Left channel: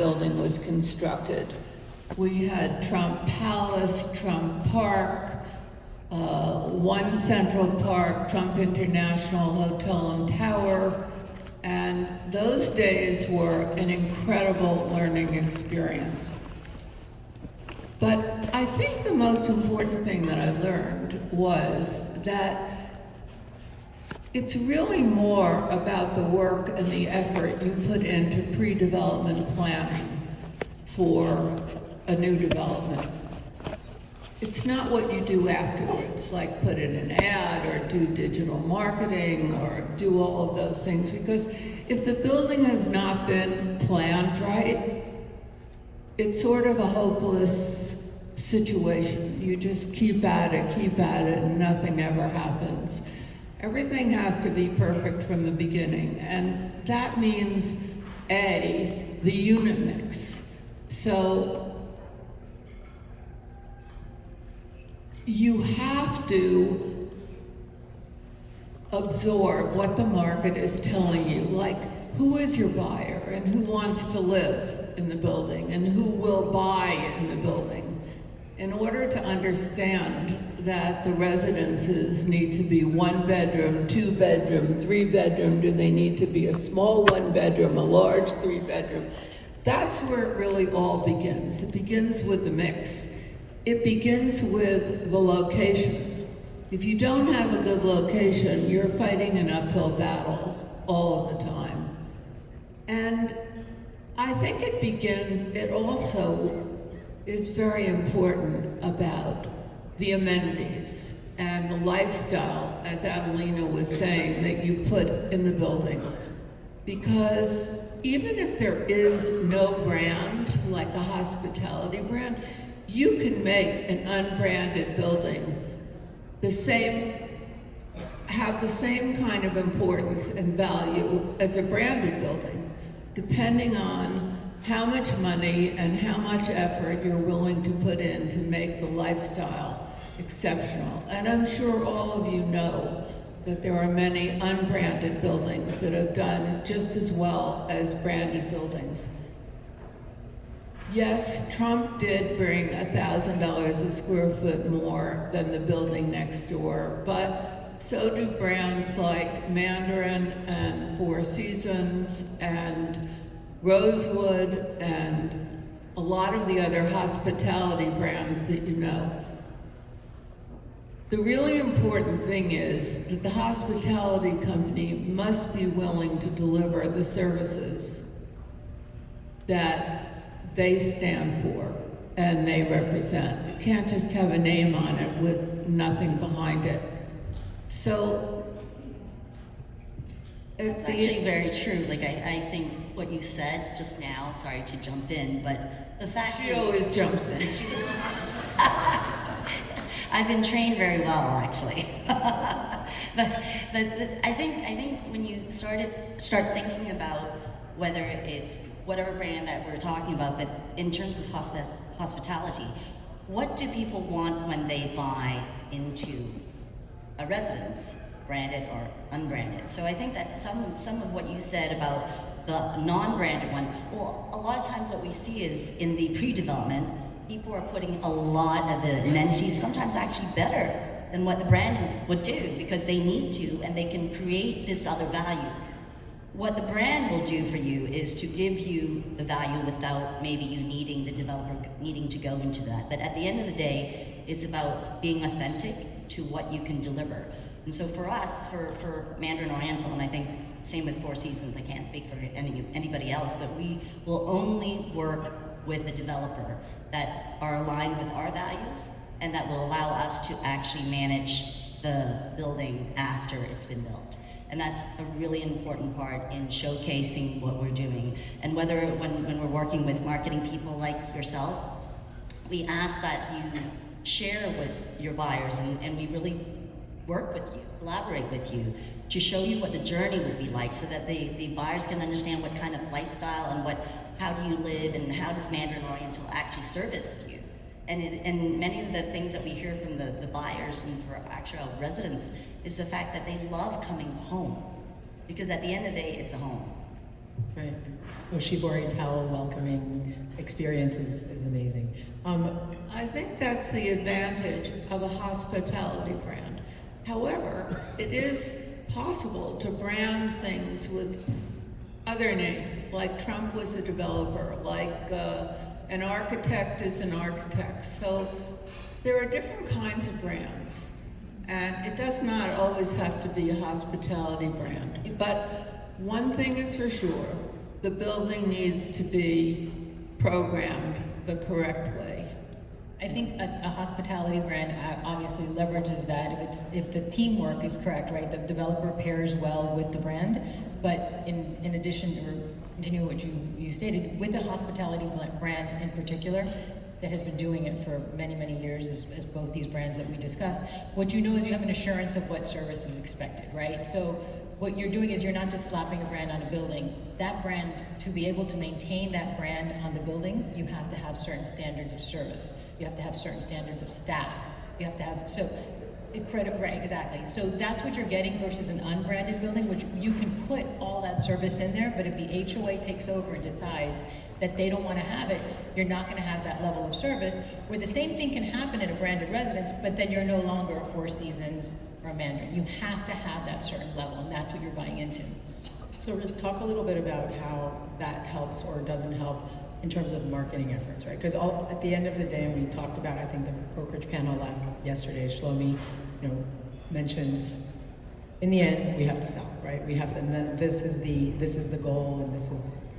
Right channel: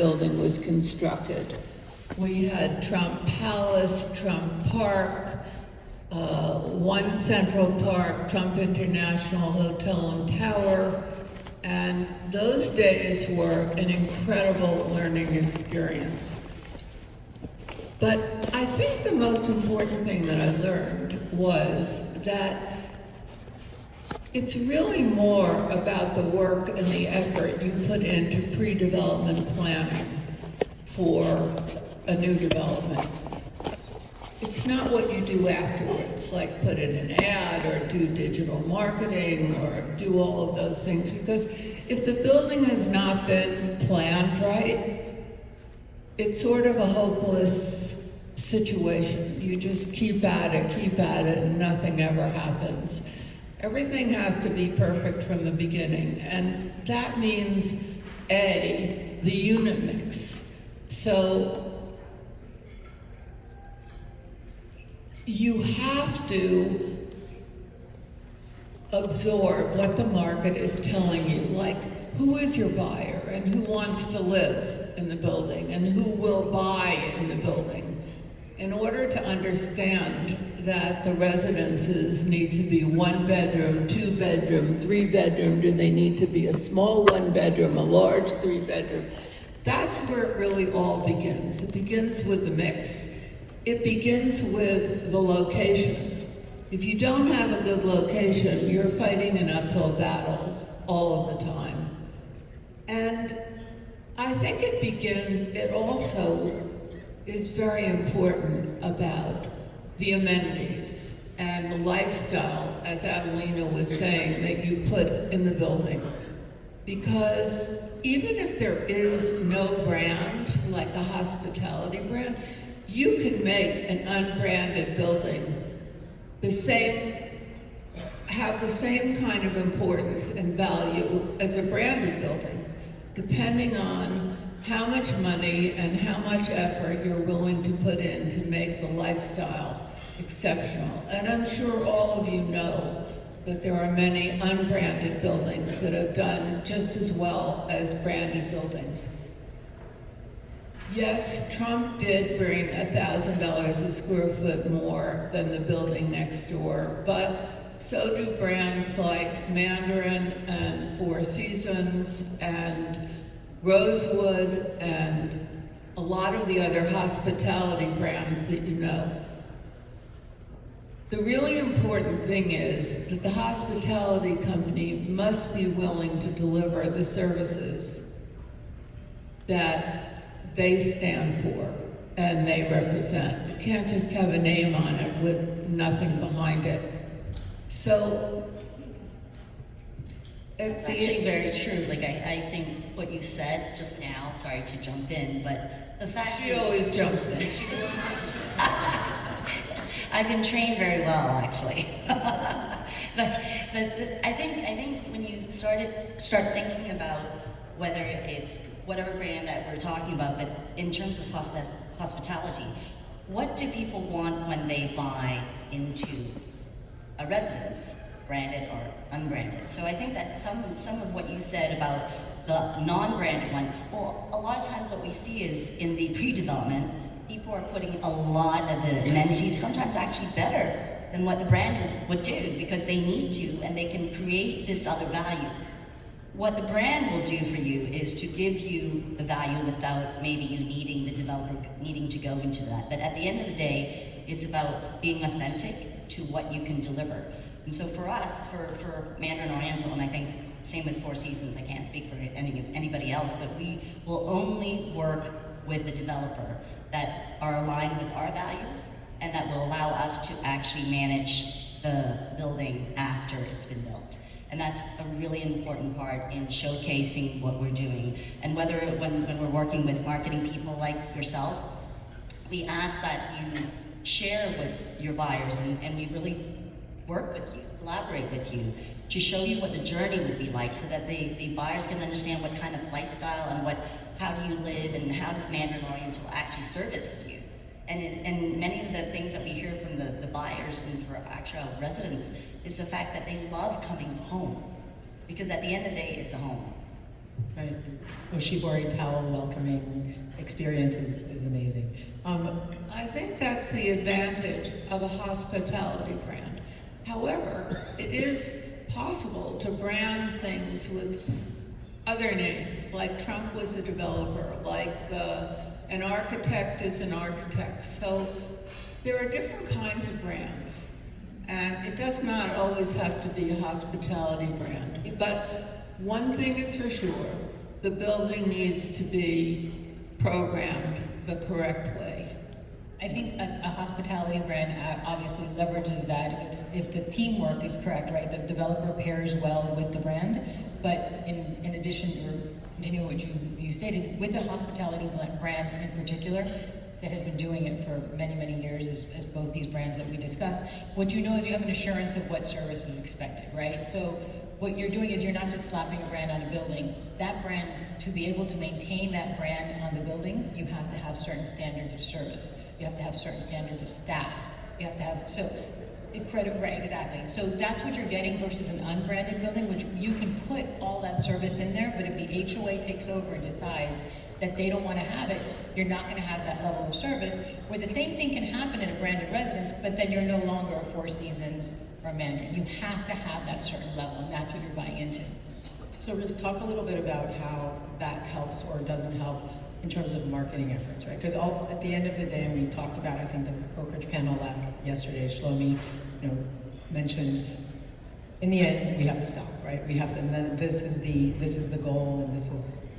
building was constructed. We had Trump Palace, Trump Park, One Central Park, Trump International Hotel and Tower, and those days were an incredible learning experience. But I think the most important thing that I learned was that it's really more about the work and the effort you put into pre-development planning for a new development. It's not what you do afterwards, like put in an ad or do digital marketing or do all of those things, because if the building has not been planned right, it's sort of a hopeless situation. You just keep at it, and nothing ever happens. Everything has to be perfect from the beginning, and that means, A, the unit mix. So you have to absorb what the market is telling you, like who is your buyer and who wants to live in the building and who will buy in the building. In order to understand that the residences need to be 1 bedroom, 2 bedroom, 3 bedroom, do they need to be a small 1 bedroom, a large 3 bedroom? That's where it really all begins. It begins with the mix. It begins with the location. If you don't have a good location, you're fighting an uphill battle all of the time. And I think it also is very important about the amenities and the lifestyle, as Adelina was saying, that you put in the building. Because even if there is no brand, like a hospitality brand, you can make an unbranded building have the same kind of importance and value as a branded building, depending on how much money and how much effort you're willing to put in to make the lifestyle exceptional. And I'm sure all of you know that there are many unbranded buildings that have done just as well as branded buildings. Yes, Trump did bring $1,000 a square foot more than the building next door, but so do brands like Mandarin and Four Seasons and Rosewood and a lot of the other hospitality brands that you know. The really important thing is that the hospitality company must be willing to deliver the services that they stand for and they represent. You can't just have a name on it with nothing behind it. So it's actually very true. Like I think what you said just now, sorry to jump in, but the fact she is... She always jumps in. I've been trained very well, actually. but I think when you start thinking about whether it's whatever brand that we're talking about, but in terms of hospitality, what do people want when they buy into a residence, branded or unbranded? So I think that some of what you said about the non-branded one, well, a lot of times what we see is in the pre-development, people are putting a lot of the amenities, sometimes actually better than what the brand would do, because they need to, and they can create this other value. What the brand will do for you is to give you the value without maybe you needing the developer needing to go into that. But at the end of the day, it's about being authentic to what you can deliver. And so for us, for Mandarin Oriental, and I think same with Four Seasons, I can't speak for anybody else, but we will only work with a developer that are aligned with our values and that will allow us to actually manage the building after it's been built. And that's a really important part in showcasing what we're doing. And whether when we're working with marketing people like yourself, we ask that you share with your buyers and we really work with you, collaborate with you to show you what the journey would be like so that the buyers can understand what kind of lifestyle and how do you live and how does Mandarin Oriental actually service you. And many of the things that we hear from the buyers and for actual residents is the fact that they love coming home. Because at the end of the day, it's a home. Right. Oshibori towel welcoming experience is amazing. I think that's the advantage of a hospitality brand. However, it is possible to brand things with other names, like Trump was a developer, like an architect is an architect. So there are different kinds of brands, and it does not always have to be a hospitality brand. But one thing is for sure, the building needs to be programmed the correct way. I think a hospitality brand obviously leverages that if the teamwork is correct, right? The developer pairs well with the brand, but in addition to continue what you stated, with the hospitality brand in particular, that has been doing it for many, many years as both these brands that we discussed, what you know is you have an assurance of what service is expected, right? So what you're doing is you're not just slapping a brand on a building. That brand, to be able to maintain that brand on the building, you have to have certain standards of service. You have to have certain standards of staff. You have to have, so, right, exactly. So that's what you're getting versus an unbranded building, which you can put all that service in there, but if the HOA takes over and decides that they don't want to have it, you're not going to have that level of service, where the same thing can happen in a branded residence, but then you're no longer a Four Seasons or a Mandarin. You have to have that certain level, and that's what you're buying into. So Riz, talk a little bit about how that helps or doesn't help in terms of marketing efforts, right? Because at the end of the day, and we talked about, I think the brokerage panel yesterday, Shlomi, mentioned, in the end, we have to sell, right? We have to, and then this is the goal, and this is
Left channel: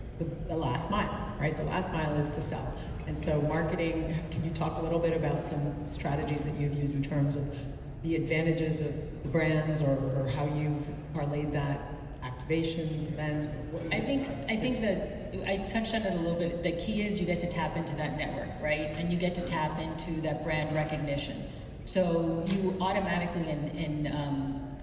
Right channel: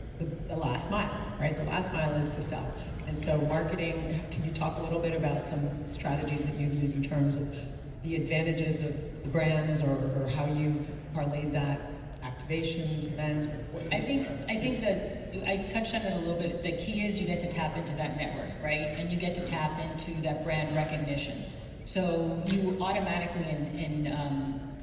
the last mile, right? The last mile is to sell. And so marketing, can you talk a little bit about some strategies that you've used in terms of the advantages of the brands or how you've parlayed that, activations, events? I think that I touched on it a little bit. The key is you get to tap into that network, right? And you get to tap into that brand recognition. So you automatically,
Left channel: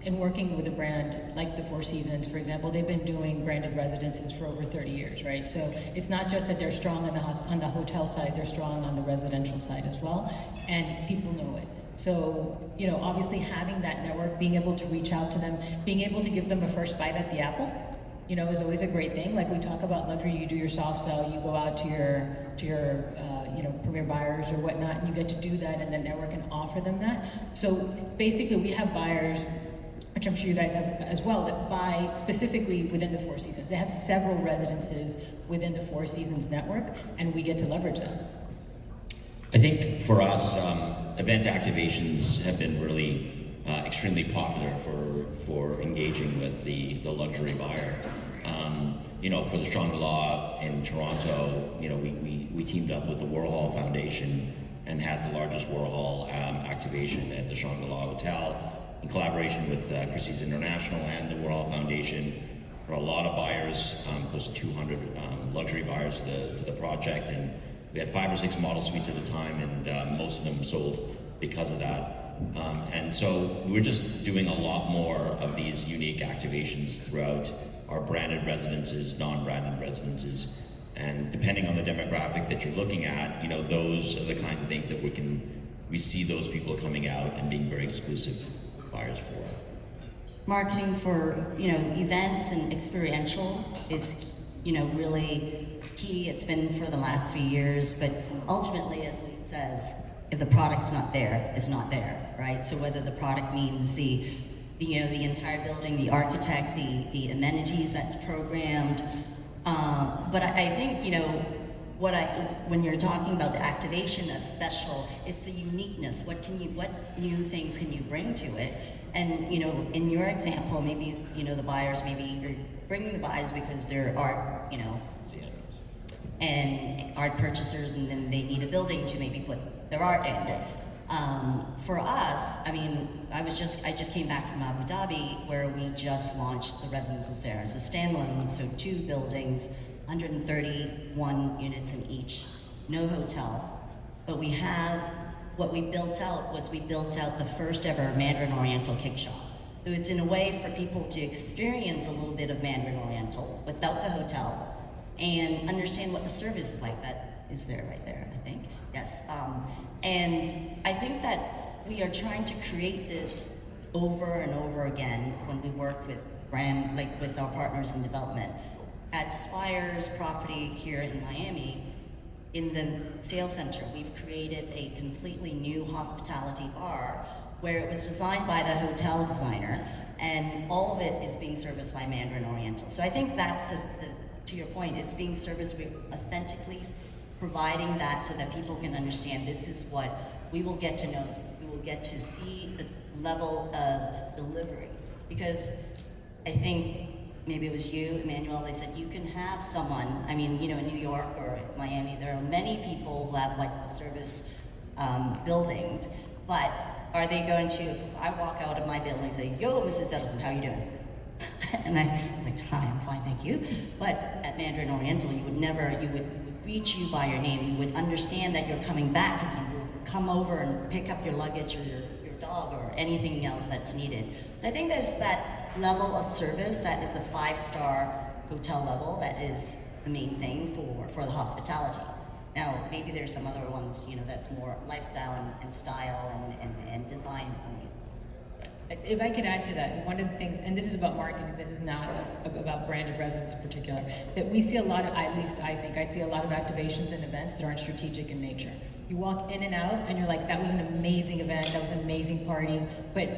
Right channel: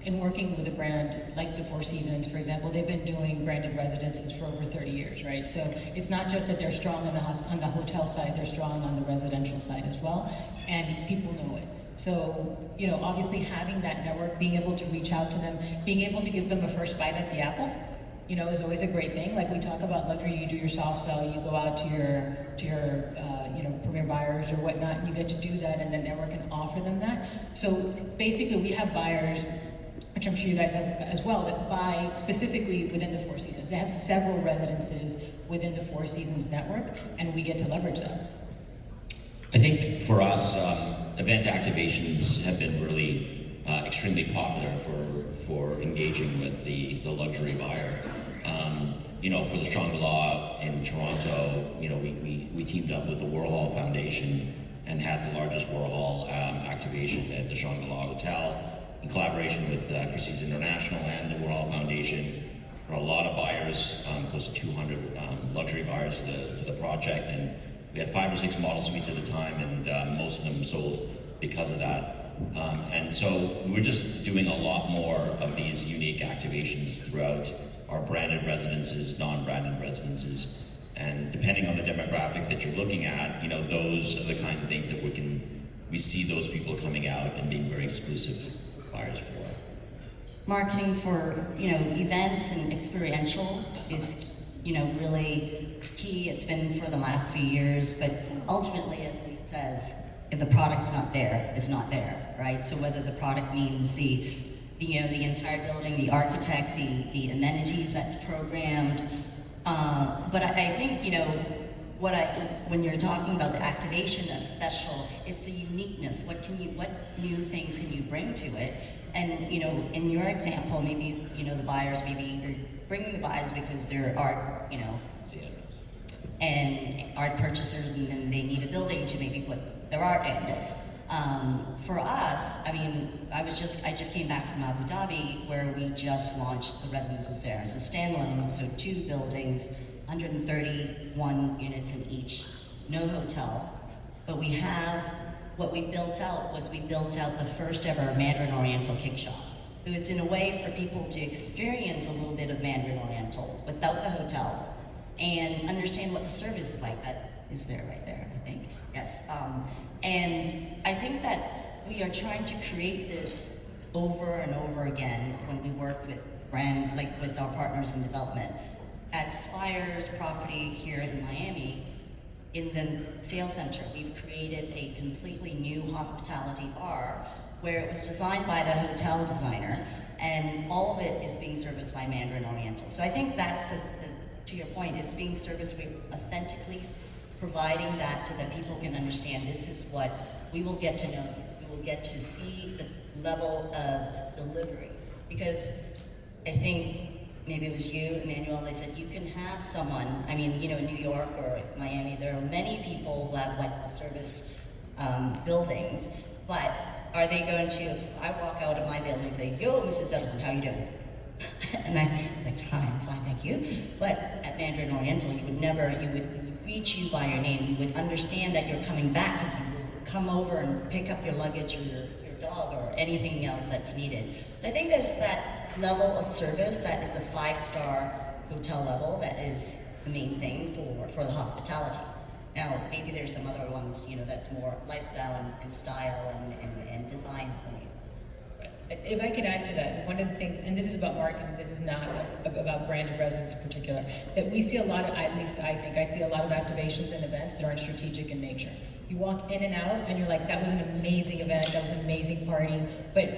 in working with a brand like the Four Seasons, for example, they've been doing branded residences for over 30 years, right? So it's not just that they're strong on the hotel side, they're strong on the residential side as well, and people know it. So, obviously having that network, being able to reach out to them, being able to give them a first bite at the apple, is always a great thing. Like we talk about luxury, you do your soft sell, you go out to your premier buyers or whatnot, and you get to do that, and the network can offer them that. So basically, we have buyers, which I'm sure you guys have as well, that buy specifically within the Four Seasons. They have several residences within the Four Seasons network, and we get to leverage them. I think for us, event activations have been really extremely popular for engaging with the luxury buyer. For the Shangri-La in Toronto, we teamed up with the Warhol Foundation and had the largest Warhol activation at the Shangri-La Hotel in collaboration with Christie's International and the Warhol Foundation. There were a lot of buyers, close to 200 luxury buyers to the project, and we had 5 or 6 model suites at a time, and most of them sold because of that. And so we're just doing a lot more of these unique activations throughout our branded residences, non-branded residences, and depending on the demographic that you're looking at, those are the kinds of things that we see those people coming out and being very exclusive buyers for. Marketing for, events and experiential is, really key. It's been for the last 3 years, but ultimately, as Lee says, if the product's not there, it's not there, right? So whether the product means the entire building, the architect, the amenities that's programmed, but I think, when you're talking about the activation of special, it's the uniqueness. What new things can you bring to it? And, in your example, maybe, the buyers, maybe you're bringing the buyers because they're art, and art purchasers, and then they need a building to maybe put their art in. For us, I just came back from Abu Dhabi, where we just launched the residences there as a standalone, so 2 buildings, 131 units in each, no hotel. But what we built out the first ever Mandarin Oriental cake shop. So it's in a way for people to experience a little bit of Mandarin Oriental without the hotel and understand what the service is like. That is there right there, I think. Yes. And I think that we are trying to create this over and over again when we work with with our partners in development. at Spire's property here in Miami, in the sales center, we've created a completely new hospitality bar where it was designed by the hotel designer, and all of it is being serviced by Mandarin Oriental. So I think that's to your point, it's being serviced with authentically providing that so that people can understand this is what we will get to know. We will get to see the level of delivery. Because I think maybe it was you, Emmanuel, they said you can have someone, I mean, you know, in New York or Miami, there are many people who have white glove service buildings, but are they going to, if I walk out of my building and say, yo, Mrs. Edelson, how you doing? And I was like, hi, I'm fine, thank you. But at Mandarin Oriental, you would greet you by your name. You would understand that you're coming back from somewhere. You would come over and pick up your luggage or your dog or anything else that's needed. So I think there's that level of service that is a 5-star hotel level that is the main thing for the hospitality. Now, maybe there's some other ones, you know, that's more lifestyle and style and design. If I could add to that, one of the things, and this is about marketing, this is not about branded residence in particular, that we see a lot of, at least I think, I see a lot of activations and events that aren't strategic in nature. You walk in and out and you're like, that was an amazing event, that was an amazing party, but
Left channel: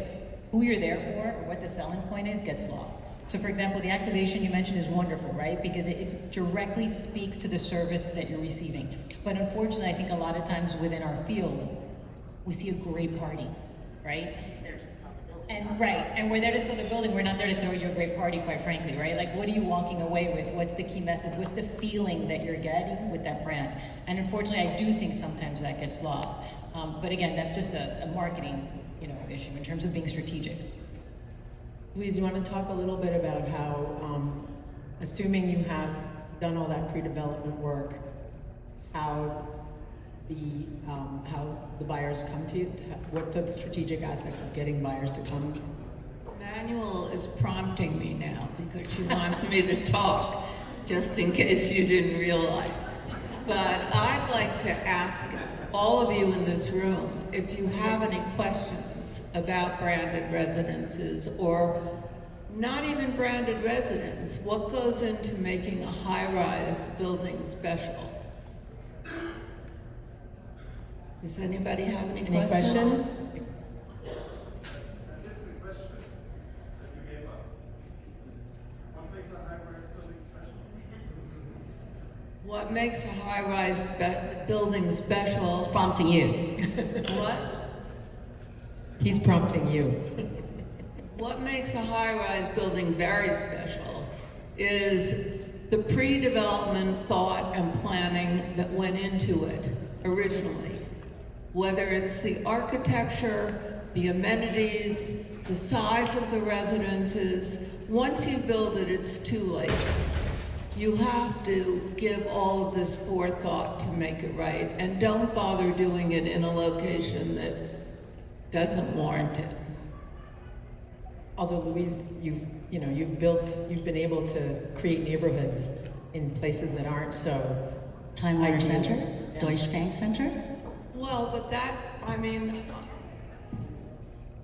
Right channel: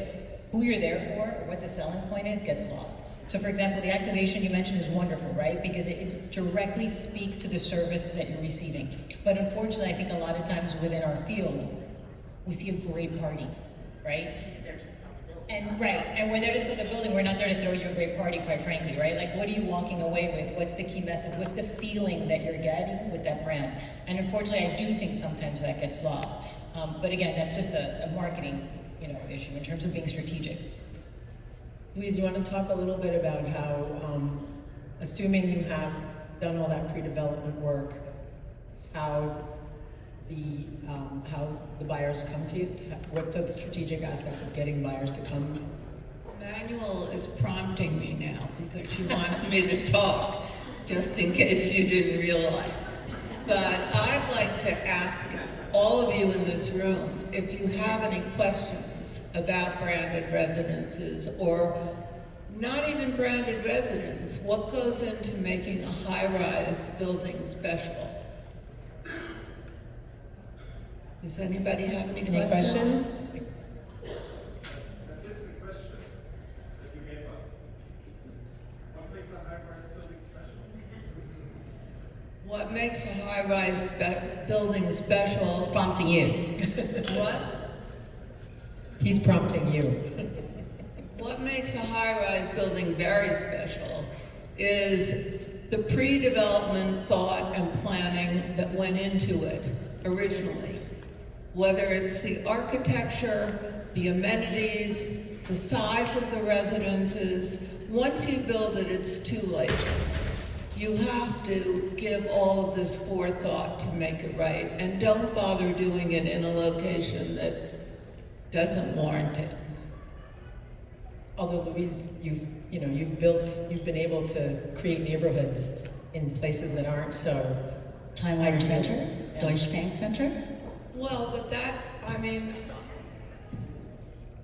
who you're there for or what the selling point is gets lost. So for example, the activation you mentioned is wonderful, right? Because it directly speaks to the service that you're receiving. But unfortunately, I think a lot of times within our field, we see a great party, right? And we're there to sell the building, we're not there to throw you a great party, quite frankly, right? Like, what are you walking away with? What's the key message? What's the feeling that you're getting with that brand? And unfortunately, I do think sometimes that gets lost. But again, that's just a marketing, you know, issue in terms of being strategic. Louise, you want to talk a little bit about how, assuming you have done all that pre-development work, how the buyers come to you, what the strategic aspect of getting buyers to come? Manuel is prompting me now because she wants me to talk, just in case you didn't realize. But I'd like to ask all of you in this room if you have any questions about branded residences, or not even branded residence. What goes into making a high-rise building special? Does anybody have any questions? What makes a high-rise building special? It's prompting you. What? He's prompting you. What makes a high-rise building very special is the pre-development thought and planning that went into it originally. Whether it's the architecture, the amenities, the size of the residences, once you build it, it's too late. You have to give all of this forethought to make it right, and don't bother doing it in a location that doesn't warrant it. Although Louise, you've been able to create neighborhoods in places that aren't so. Time Warner Center, Deutsche Bank Center. Well, but that, I mean,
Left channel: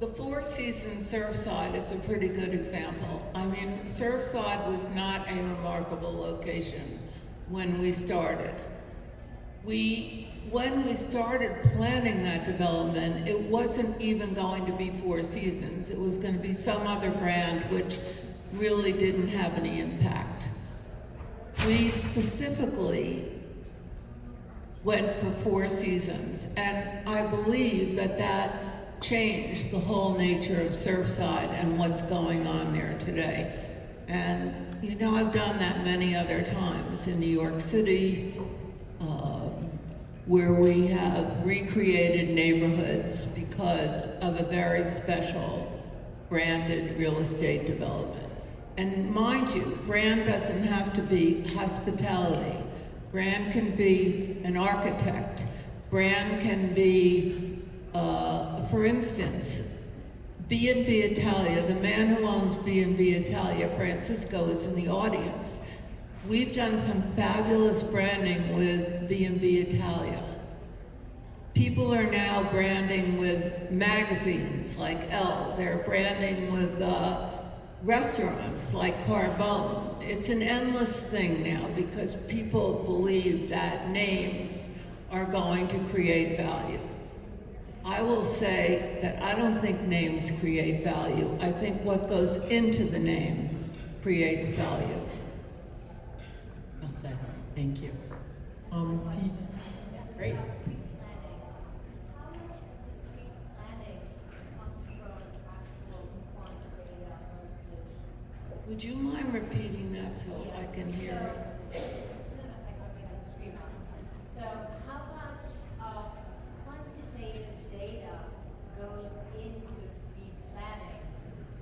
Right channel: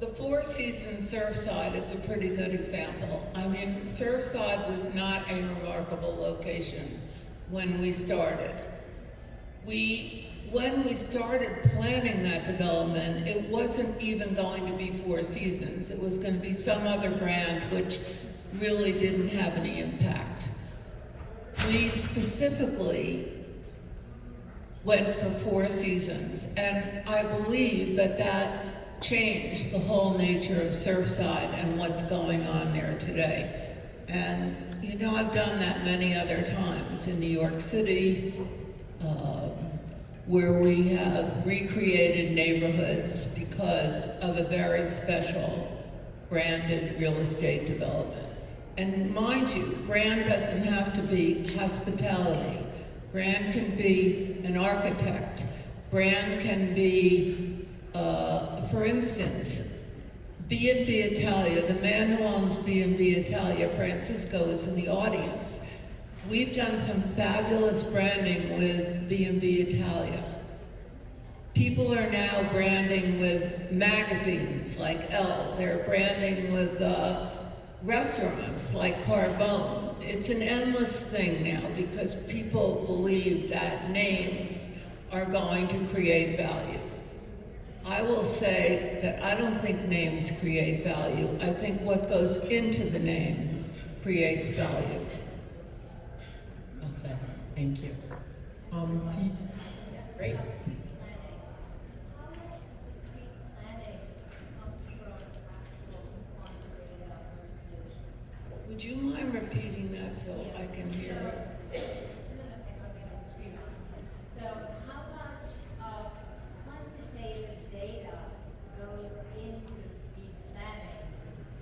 the Four Seasons Surfside is a pretty good example. I mean, Surfside was not a remarkable location when we started. When we started planning that development, it wasn't even going to be Four Seasons. It was going to be some other brand which really didn't have any impact. We specifically went for Four Seasons, and I believe that changed the whole nature of Surfside and what's going on there today. And you know, I've done that many other times in New York City, where we have recreated neighborhoods because of a very special branded real estate development. And mind you, brand doesn't have to be hospitality. Brand can be an architect. Brand can be, for instance, B&B Italia. The man who owns B&B Italia, Francisco, is in the audience. We've done some fabulous branding with B&B Italia. People are now branding with magazines like Elle. They're branding with restaurants like Carbone. It's an endless thing now because people believe that names are going to create value. I will say that I don't think names create value. I think what goes into the name creates value. Well said. Thank you. Great. Would you mind repeating that so I can hear it? So how much of quantitative data goes into the planning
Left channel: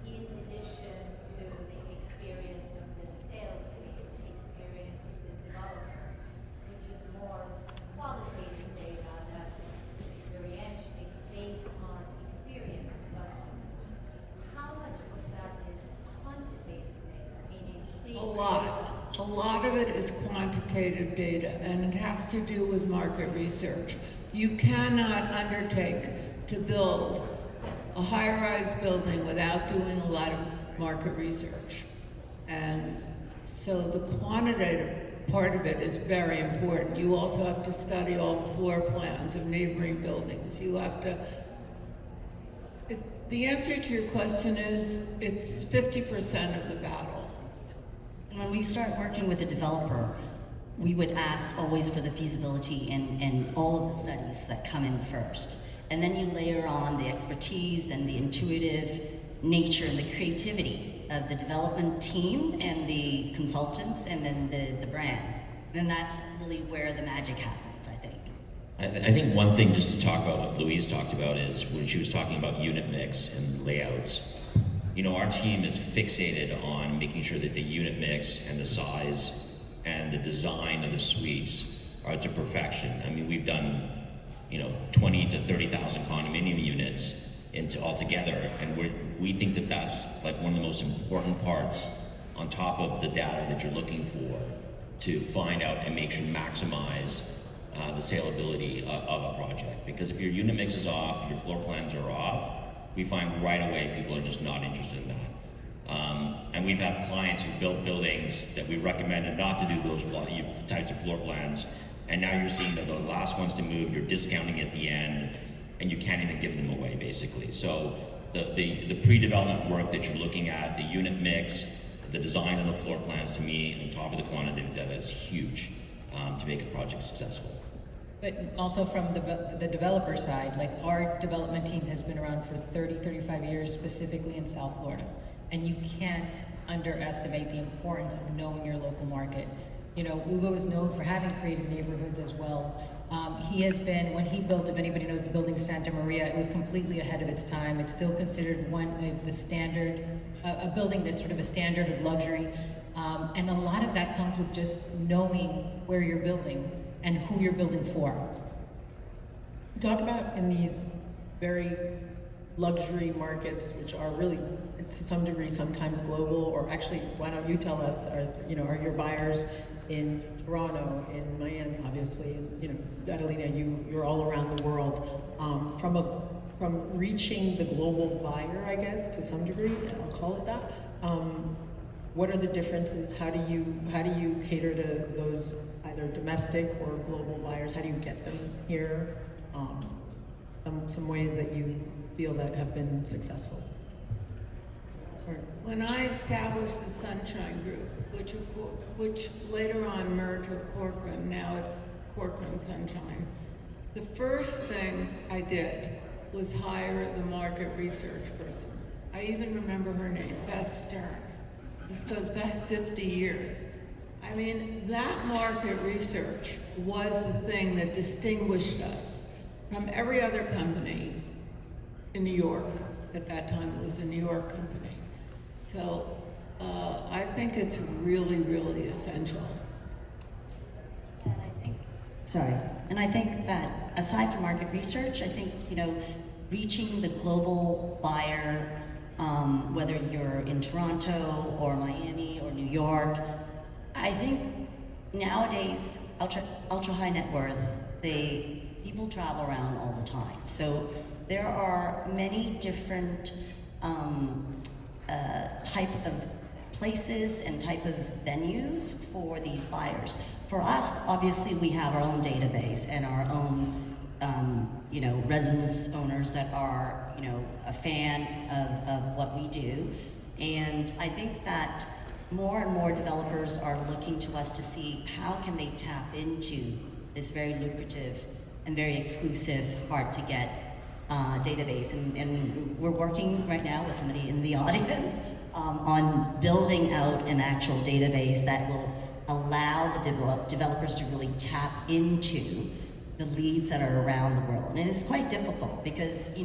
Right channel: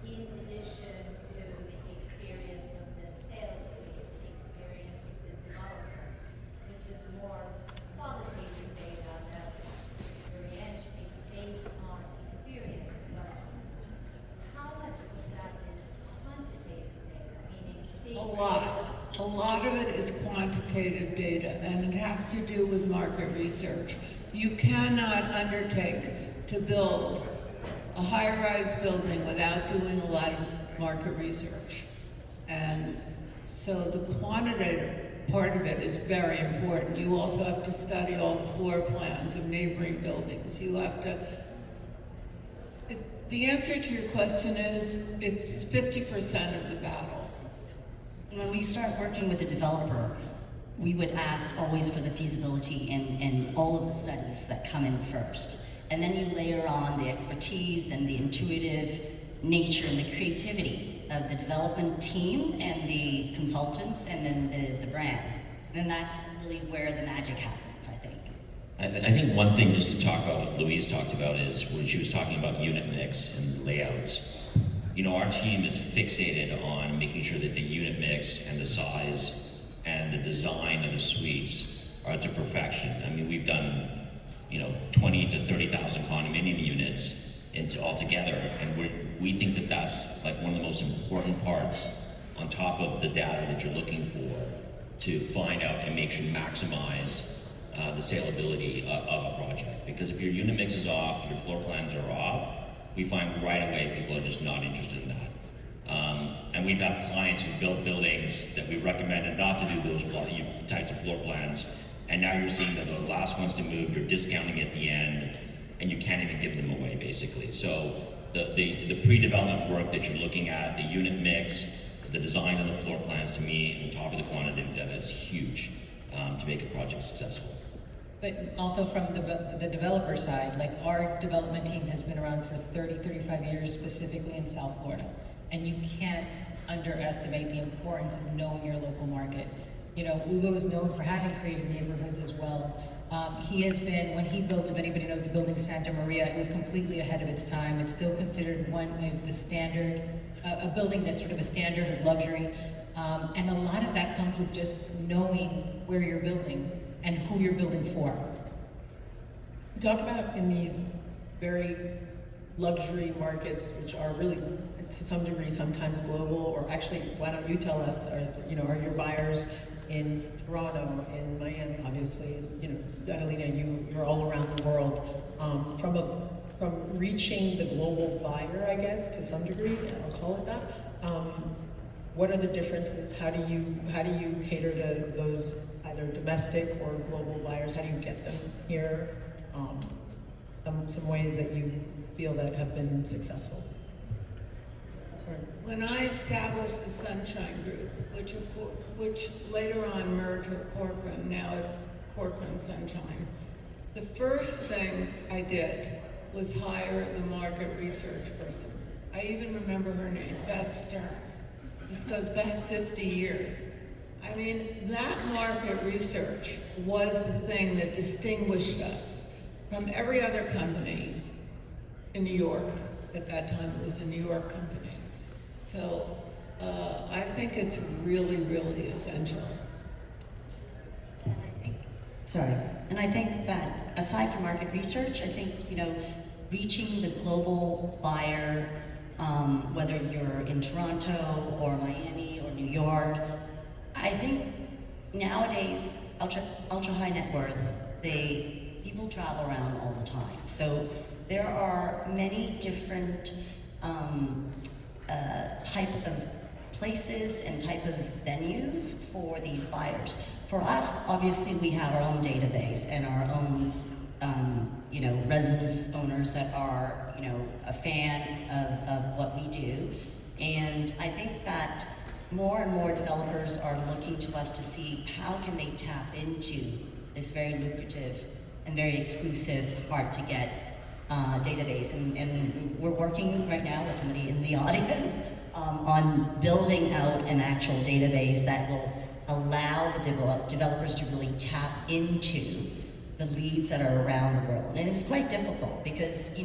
in addition to the experience of the sales lead, the experience of the developer, which is more qualitative data that's experiential based on experience, but how much of that is quantitative data, meaning things A lot of it is quantitative data, and it has to do with market research. You cannot undertake to build a high-rise building without doing a lot of market research. And so the quantitative part of it is very important. You also have to study all the floor plans of neighboring buildings. You have to. The answer to your question is it's 50% of the battle. When we start working with a developer, we would ask always for the feasibility and all of the studies that come in first. And then you layer on the expertise and the intuitive nature and the creativity of the development team and the consultants and then the brand. And that's really where the magic happens, I think. I think one thing just to talk about what Louise talked about is when she was talking about unit mix and layouts. You know, our team is fixated on making sure that the unit mix and the size and the design of the suites are to perfection. I mean, we've done, 20 to 30,000 condominium units altogether, and we think that that's like one of the most important parts on top of the data that you're looking for to find out and make sure maximize the saleability of a project. Because if your unit mix is off, your floor plans are off, we find right away people are just not interested in that. And we've had clients who built buildings that we recommended not to do those types of floor plans, and now you're seeing that the last ones to move, you're discounting at the end, and you can't even give them away, basically. So the pre-development work that you're looking at, the unit mix, the design of the floor plans, to me, on top of the quantitative data, is huge to make a project successful. But also from the developer side, like our development team has been around for 30, 35 years, specifically in South Florida. And you can't underestimate the importance of knowing your local market. Ugo is known for having created neighborhoods as well. He has been, when he built, if anybody knows the building Santa Maria, it was completely ahead of its time. It's still considered the standard, a building that's sort of a standard of luxury. And a lot of that comes with just knowing where you're building and who you're building for. Talk about in these very luxury markets, which are really, to some degree, sometimes global, or actually, why don't you tell us, are your buyers in Toronto, in Miami, obviously, Adelina, you're all around the world. From reaching the global buyer, I guess, to some degree, I'll call it that. What are the differences? How do you cater to those either domestic or global buyers? How do you get them here? Some ways that you feel that have been successful. When I established the Sunshine Group, which later on merged with Corcoran, now it's Corcoran Sunshine, the first thing I did was hire the market research person. I even remember her name, Beth Stern. This goes back 50 years. I mean, that market research was the thing that distinguished us from every other company in New York. At that time, it was a New York company. So I think it's really, really essential. And I think that aside from market research, I think, reaching the global buyer, whether you're in Toronto or Miami or New York, I think nowadays, ultra high net worth, people travel around all the time. So there are many different type of places and type of venues for these buyers. For us, obviously, we have our own database and our own, residence owners that are, a fan of what we do. And I think that more and more developers are looking to us to see how can they tap into this very lucrative and very exclusive, hard to get database. And we're working right now with somebody in the audience on building out an actual database that will allow the developers to really tap into the leads that are around the world. And it's quite difficult because,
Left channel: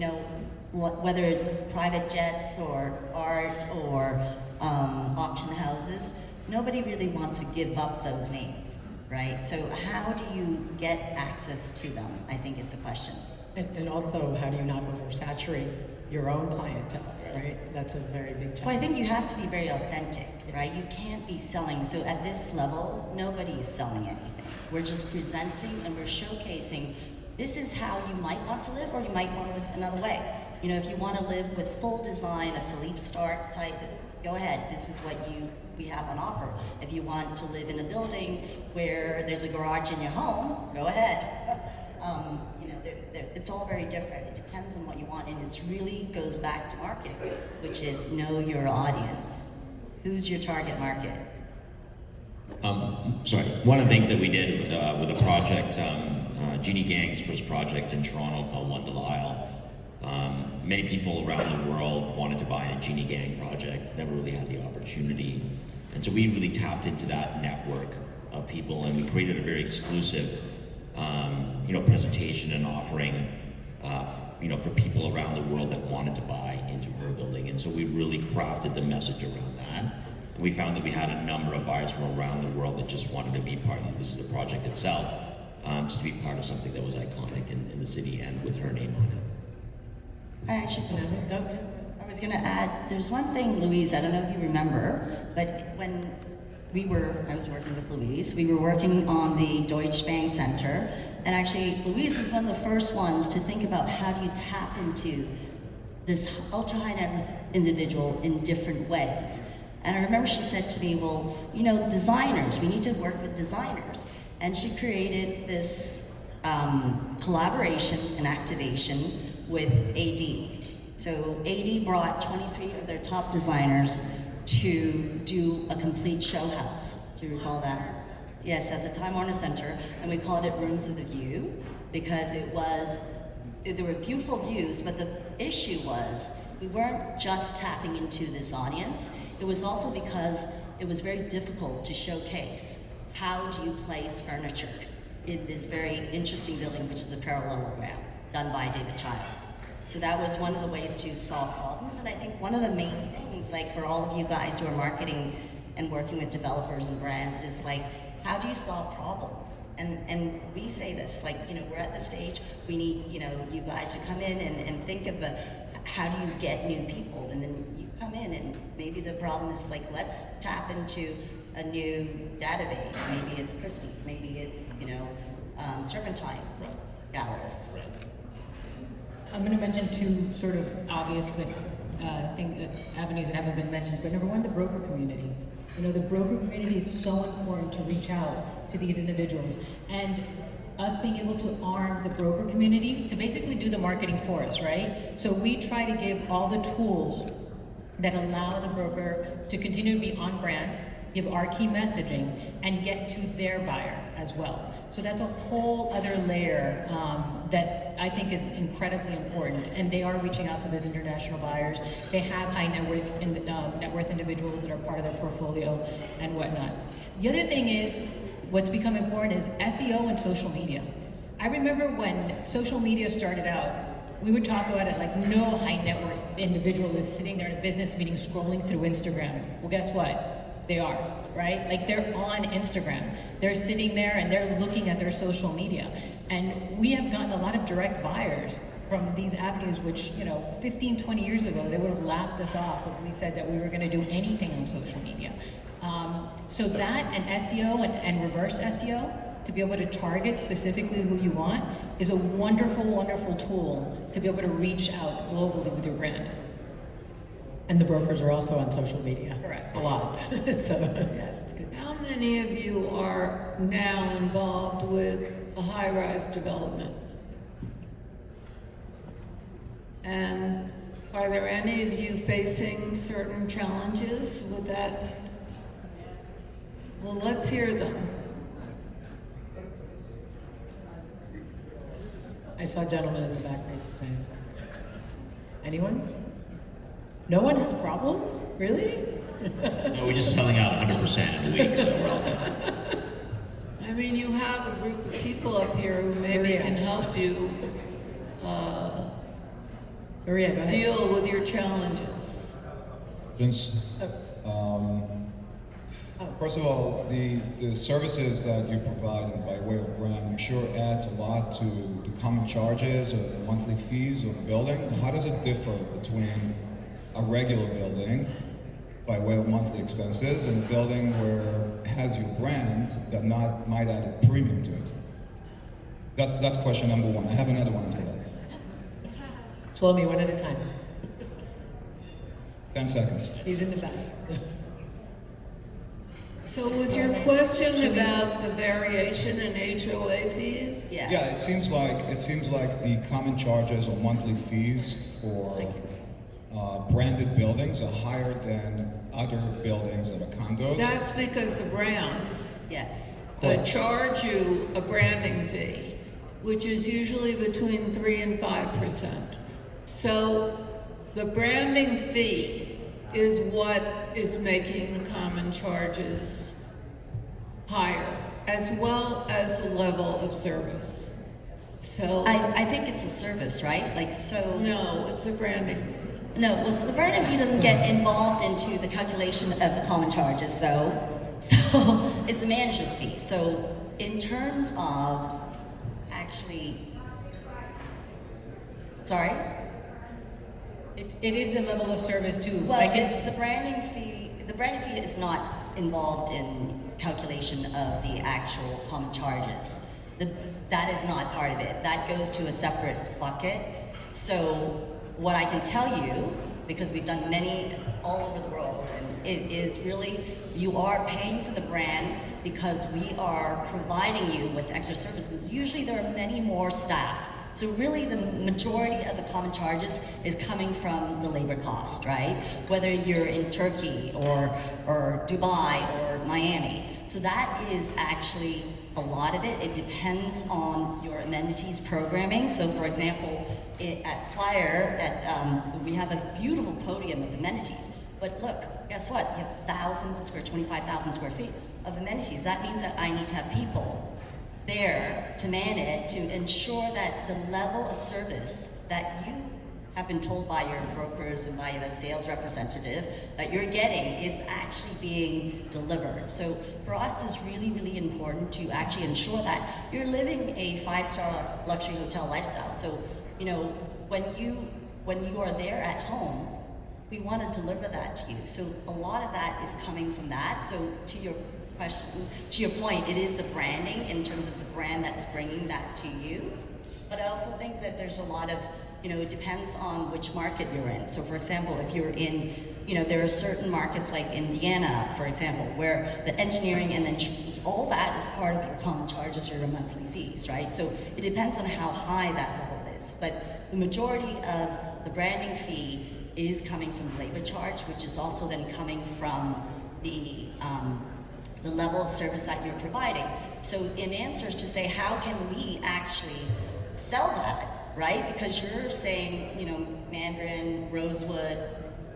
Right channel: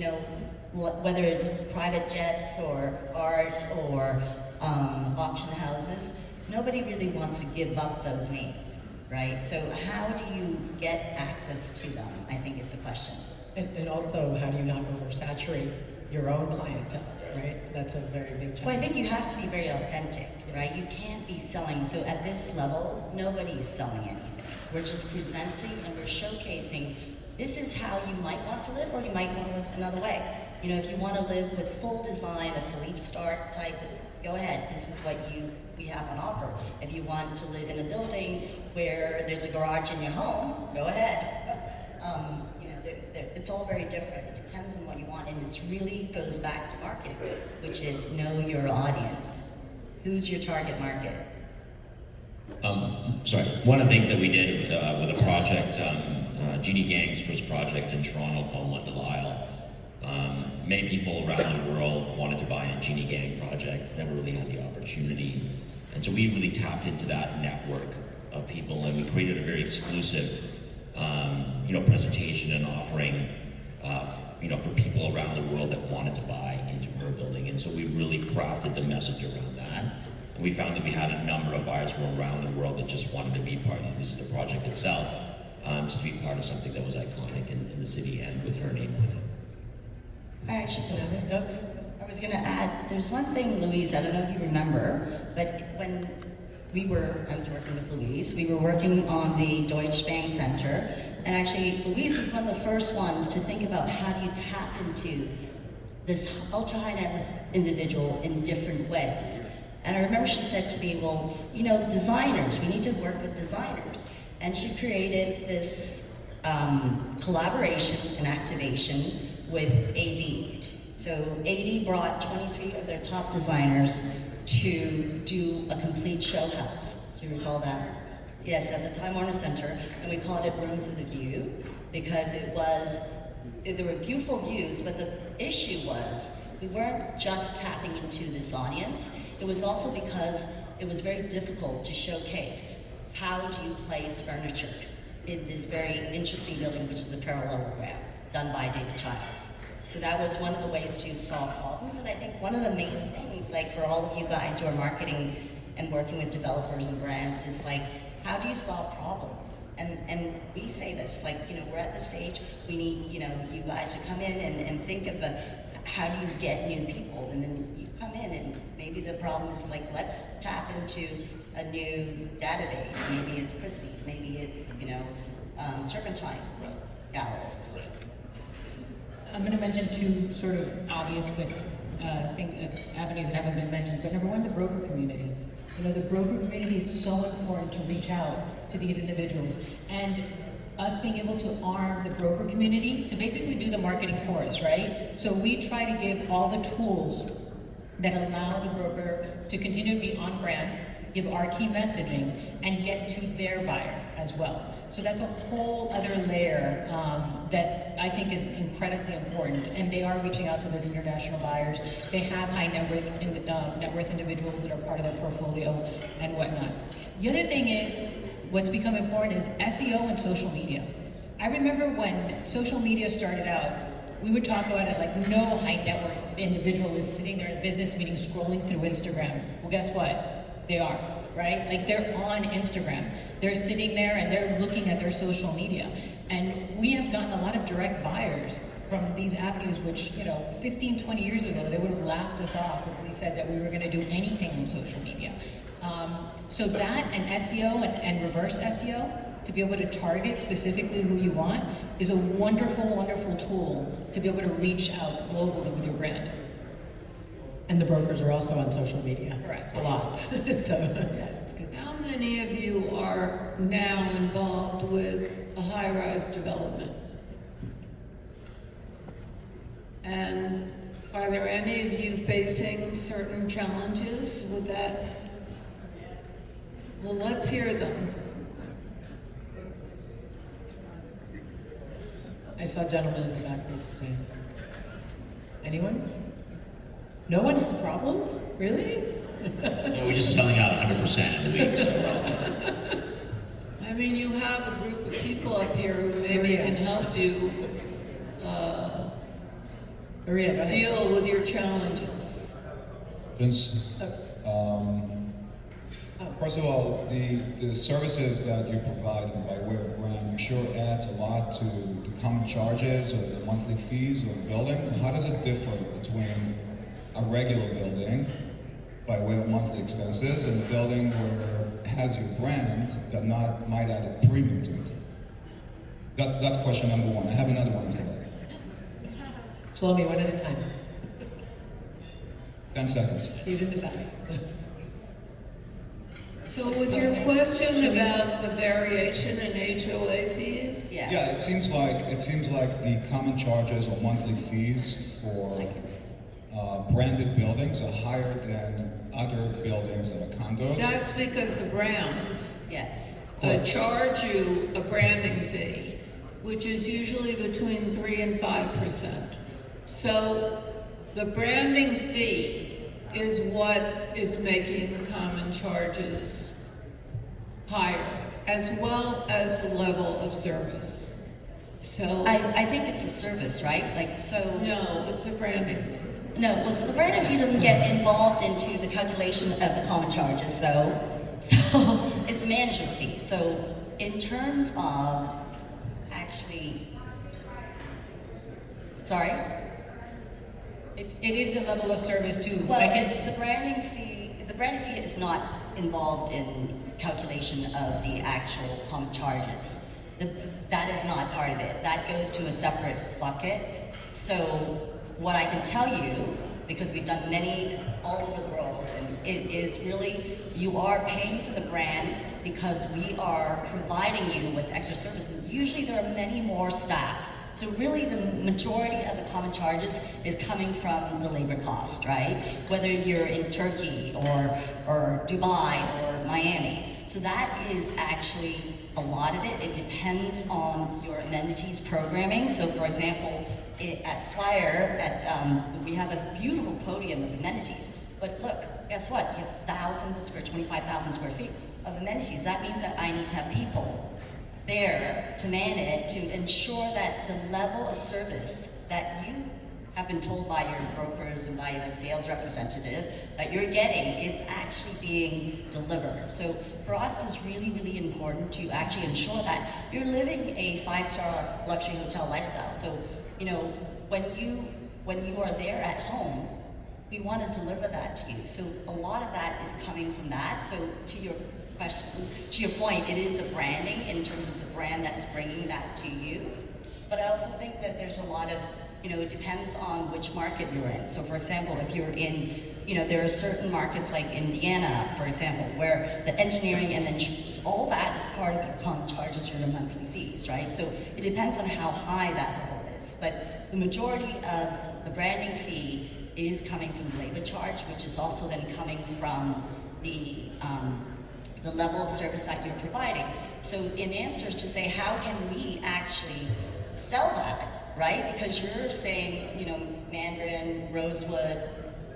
whether it's private jets or art or auction houses, nobody really wants to give up those names, right? So how do you get access to them, I think is the question. And also, how do you not oversaturate your own clientele, right? That's a very big challenge. Well, I think you have to be very authentic, right? You can't be selling, so at this level, nobody is selling anything. We're just presenting and we're showcasing, this is how you might want to live, or you might want to live another way. If you want to live with full design, a Philippe Stark type, go ahead, this is what we have on offer. If you want to live in a building where there's a garage in your home, go ahead. It's all very different. It depends on what you want, and it really goes back to marketing, which is know your audience. Who's your target market? Sorry, one of the things that we did with a project, Jeannie Gang's first project in Toronto called London Isle. Many people around the world wanted to buy a Jeannie Gang project, never really had the opportunity. And so we really tapped into that network of people, and we created a very exclusive presentation and offering for people around the world that wanted to buy into her building. And so we really crafted the message around that. And we found that we had a number of buyers from around the world that just wanted to be part of this is the project itself, just to be part of something that was iconic in the city and with her name on it. I was going to add, there's one thing, Louise, I don't know if you remember, but when I was working with Louise, we were working on the Deutsche Bank Center, and actually Louise was one of the first ones to think about how do you tap into this ultra-high net worth individual in different ways. And I remember she said to me, well, designers, we need to work with designers. And she created this collaboration and activation with AD. So AD brought 23 of their top designers to do a complete show house. Do you recall that? Yes, at the Time Warner Center, and we called it Rooms of the View because there were beautiful views, but the issue was we weren't just tapping into this audience. It was also because it was very difficult to showcase how do you place furniture in this very interesting building, which is a parallelogram done by David Childs. So that was one of the ways to solve problems, and I think one of the main things, like for all of you guys who are marketing and working with developers and brands, is like, how do you solve problems? And we say this, we're at the stage, we need, you guys to come in and think of how do you get new people? And then you come in and maybe the problem is let's tap into a new database. Maybe it's Christie's, maybe it's, Serpentine gallerists. I'm going to mention two sort of obvious but avenues that haven't been mentioned. But number one, the broker community. The broker community is so important to reach out to these individuals, and us being able to arm the broker community to basically do the marketing for us, right? So we try to give all the tools that allow the broker to continue to be on brand, give our key messaging, and get to their buyer as well. So that's a whole other layer that I think is incredibly important. And they are reaching out to those international buyers. They have high net worth individuals that are part of their portfolio and whatnot. The other thing is, what's become important is SEO and social media. I remember when social media started out, we would talk about it like no high net worth individual is sitting there in a business meeting scrolling through Instagram. Well, guess what? They are, right? They're on Instagram. They're sitting there and they're looking at their social media. And we have gotten a lot of direct buyers from these avenues, which, 15, 20 years ago, they would have laughed us off if we said that we were gonna do anything on social media. So that and SEO and reverse SEO, to be able to target specifically who you want, is a wonderful, wonderful tool to be able to reach out globally with your brand. And the brokers are also on social media. Correct. A lot. So, yeah, that's good. How many of you are now involved with a high-rise development? And are there any of you facing certain challenges with that? Well, let's hear them. I saw a gentleman in the back raise his hand. Anyone? No one has problems? Really? No, we're just selling out 100% in a week, so we're all good. I mean, you have a group of people up here who maybe Maria. can help you Maria, go ahead. deal with your challenges. Vince, first of all, the services that you provide by way of brand, I'm sure adds a lot to the common charges or the monthly fees of the building. How does it differ between a regular building by way of monthly expenses and a building where it has your brand that might add a premium to it? That's question number one. I have another one after that. Shlomi, one at a time. 10 seconds. He's in the back. So was your question about the variation in HOA fees? Yeah. Yeah, it seems like the common charges or monthly fees for branded buildings are higher than other buildings that are condos. That's because the brands Yes. charge you a branding fee, which is usually between 3 and 5%. So the branding fee is what is making the common charges higher, as well as the level of service. So, I think it's a service, right? Like, so. no, it's a branding fee. No, well, so the branding fee doesn't get involved into the calculation of the common charges, though. So it's a management fee. So in terms of actually, sorry. It is a level of service too. Well, Like it's the branding fee. The branding fee is not involved in calculation of the actual common charges. That is not part of it. That goes to a separate bucket. So what I can tell you, because we've done many all over the world, and it is really, you are paying for the brand because we are providing you with extra services. Usually there are many more staff. So really the majority of the common charges is coming from the labor cost, right? Whether you're in Turkey or Dubai or Miami. So that is actually a lot of it. It depends on your amenities programming. So for example, at Swire, we have a beautiful podium of amenities. But look, guess what? You have 25,000 square feet of amenities. That means that I need to have people there to man it, to ensure that the level of service that you have been told by your brokers and by the sales representative that you're getting is actually being delivered. So for us, it's really, really important to actually ensure that you're living a 5-star luxury hotel lifestyle. So, you know, when you are there at home, we want to deliver that to you. So a lot of that is coming from that. So to your question, to your point, it is the branding in terms of the brand that's bringing that to you. But I also think that there's a lot of, you know, it depends on which market you're in. So for example, if you're in, you know, there are certain markets like Indiana, for example, where the engineering and insurance, all that is part of your common charges or your monthly fees, right? So it depends on how high that level is. But the majority of the branding fee is coming from the labor charge, which is also then coming from the level of service that you're providing. So in answers to say, how can we actually sell that, right? Because you're saying, you know, Mandarin, Rosewood,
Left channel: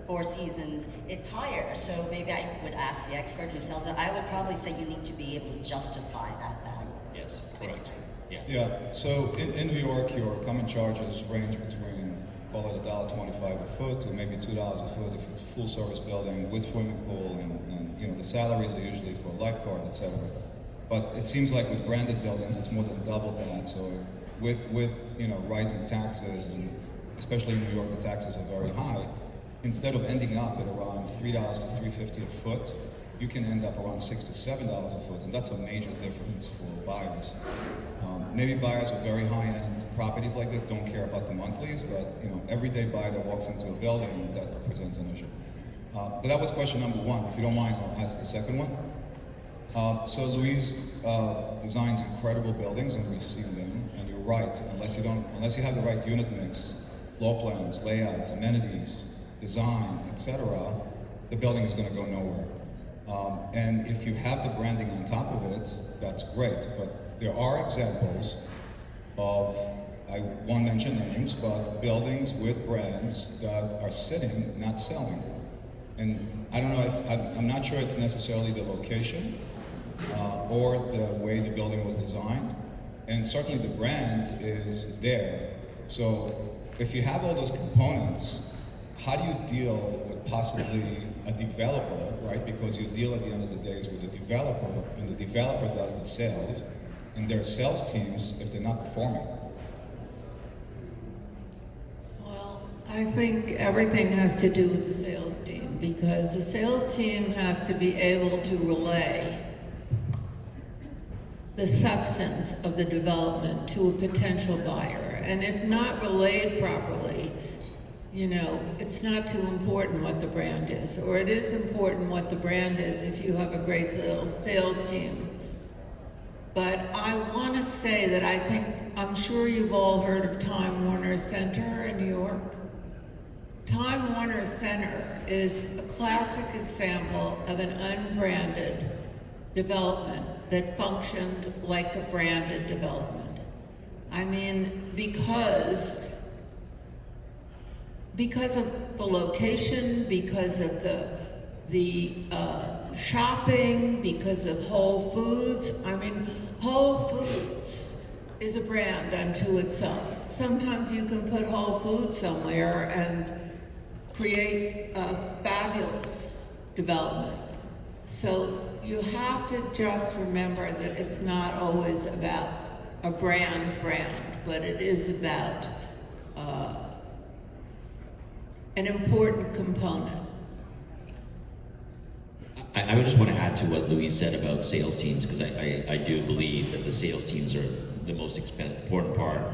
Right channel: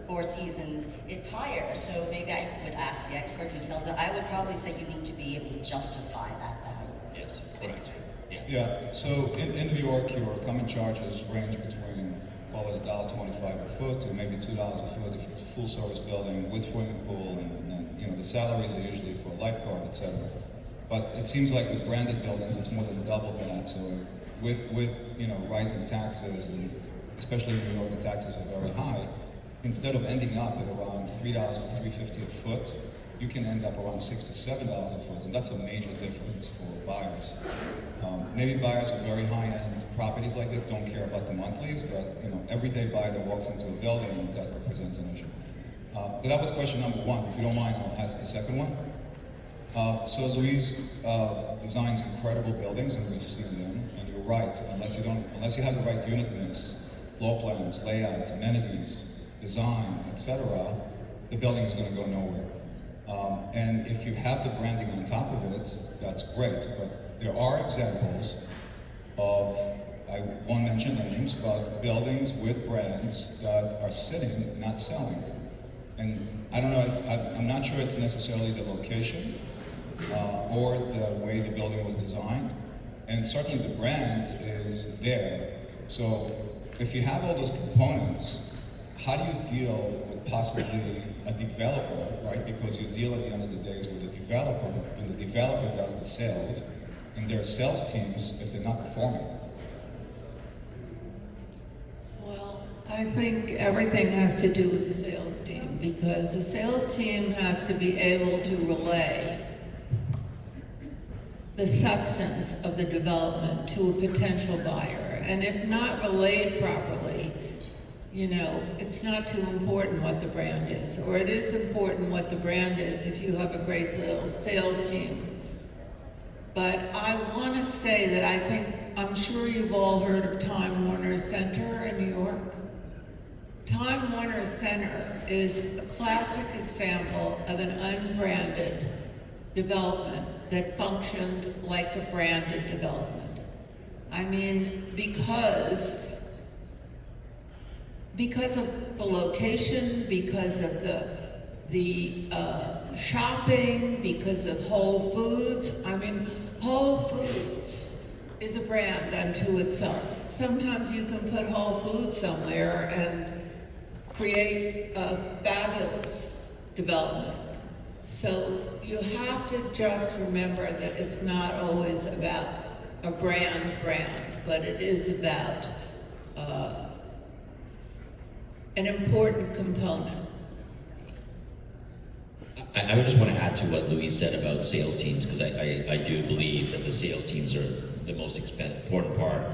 Four Seasons, it's higher. So maybe I would ask the expert who sells it. I would probably say you need to be able to justify that value. Yes, correct. Yeah. Yeah, so in New York, your common charges range between, call it $1.25 a foot to maybe $2 a foot if it's a full service building with swimming pool, and you know, the salaries are usually for a lifeguard, etc. But it seems like with branded buildings, it's more than double that. So with you know, rising taxes, and especially in New York, the taxes are very high. Instead of ending up at around $3 to $3.50 a foot, you can end up around $6 to $7 a foot, and that's a major difference for buyers. Maybe buyers are very high-end properties like this don't care about the monthlies, but everyday buyer that walks into a building, that presents an issue. But that was question number one. If you don't mind, I'll ask the second one. So Louise designs incredible buildings, and we've seen them. And you're right. Unless you have the right unit mix, floor plans, layouts, amenities, design, etc., the building is going to go nowhere. And if you have the branding on top of it, that's great. But there are examples of, I won't mention names, but buildings with brands that are sitting, not selling. And I don't know I'm not sure it's necessarily the location or the way the building was designed. And certainly the brand is there. So if you have all those components, how do you deal with possibly a developer, right? Because you deal at the end of the day with the developer, and the developer does the sales, and their sales teams if they're not performing. Well, I think everything has to do with the sales team, because the sales team has to be able to relay the substance of the development to a potential buyer. And if not relayed properly, it's not too important what the brand is, or it is important what the brand is if you have a great sales team. But I want to say that I'm sure you've all heard of Time Warner Center in New York. Time Warner Center is a classic example of an unbranded development that functioned like a branded development. I mean, because of the location, because of the shopping, because of Whole Foods. I mean, Whole Foods is a brand unto itself. Sometimes you can put Whole Foods somewhere and create a fabulous development. So you have to just remember that it's not always about a brand, but it is about an important component. I just want to add to what Louise said about sales teams, because I do believe that the sales teams are the most important part,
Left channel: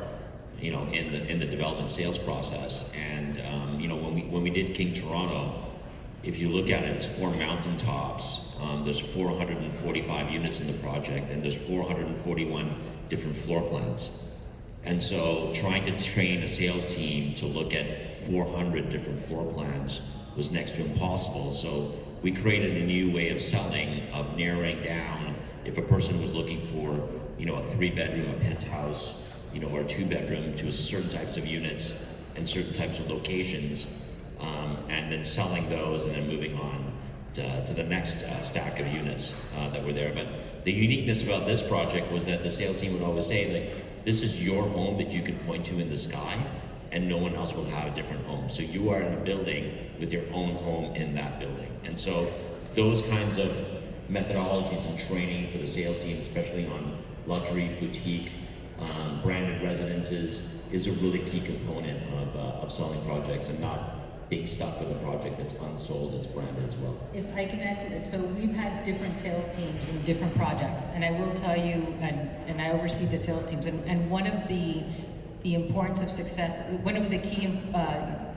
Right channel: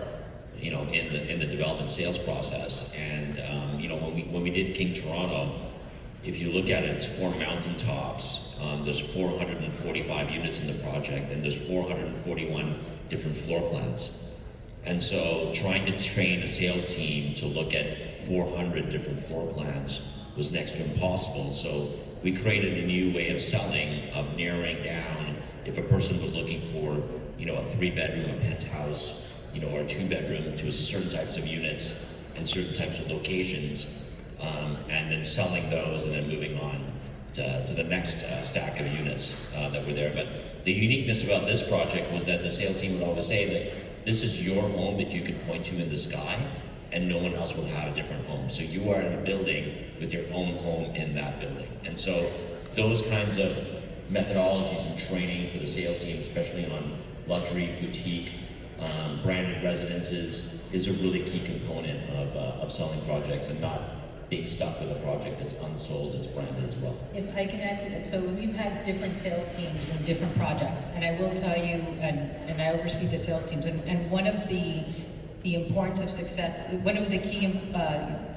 in the development sales process. And when we did King Toronto, if you look at it, it's 4 mountaintops. There's 445 units in the project, and there's 441 different floor plans. And so trying to train a sales team to look at 400 different floor plans was next to impossible. So we created a new way of selling, of narrowing down if a person was looking for, a 3-bedroom, a penthouse, or a 2-bedroom, to certain types of units and certain types of locations, and then selling those and then moving on to the next stack of units that were there. But the uniqueness about this project was that the sales team would always say, like, this is your home that you can point to in the sky, and no one else will have a different home. So you are in a building with your own home in that building. And so those kinds of methodologies and training for the sales team, especially on luxury, boutique, branded residences, is a really key component of selling projects and not being stuck with a project that's unsold, that's branded as well. If I can add to that, so we've had different sales teams in different projects, and I will tell you, and I oversee the sales teams, and one of the importance of success, one of the key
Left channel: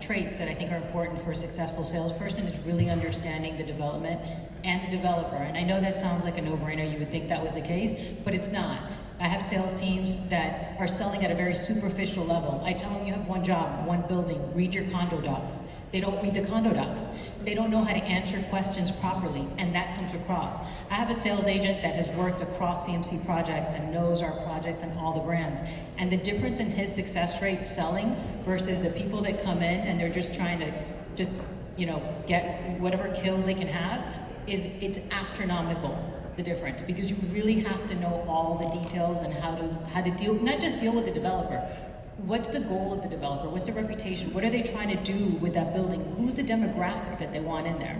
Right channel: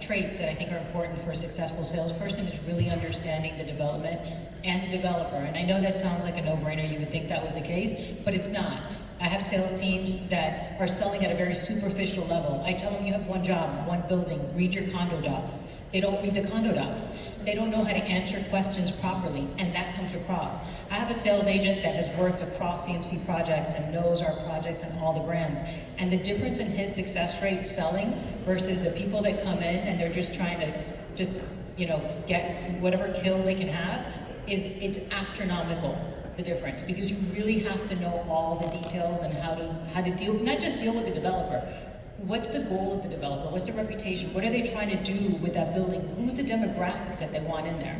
traits that I think are important for a successful salesperson is really understanding the development and the developer. And I know that sounds like a no-brainer, you would think that was the case, but it's not. I have sales teams that are selling at a very superficial level. I tell them, you have one job, one building, read your condo docs. They don't read the condo docs. They don't know how to answer questions properly, and that comes across. I have a sales agent that has worked across CMC projects and knows our projects and all the brands. And the difference in his success rate selling versus the people that come in and they're just trying to get whatever kill they can have it's astronomical, the difference, because you really have to know all the details and how to deal, not just deal with the developer. What's the goal of the developer? What's the reputation? What are they trying to do with that building? Who's the demographic that they want in there?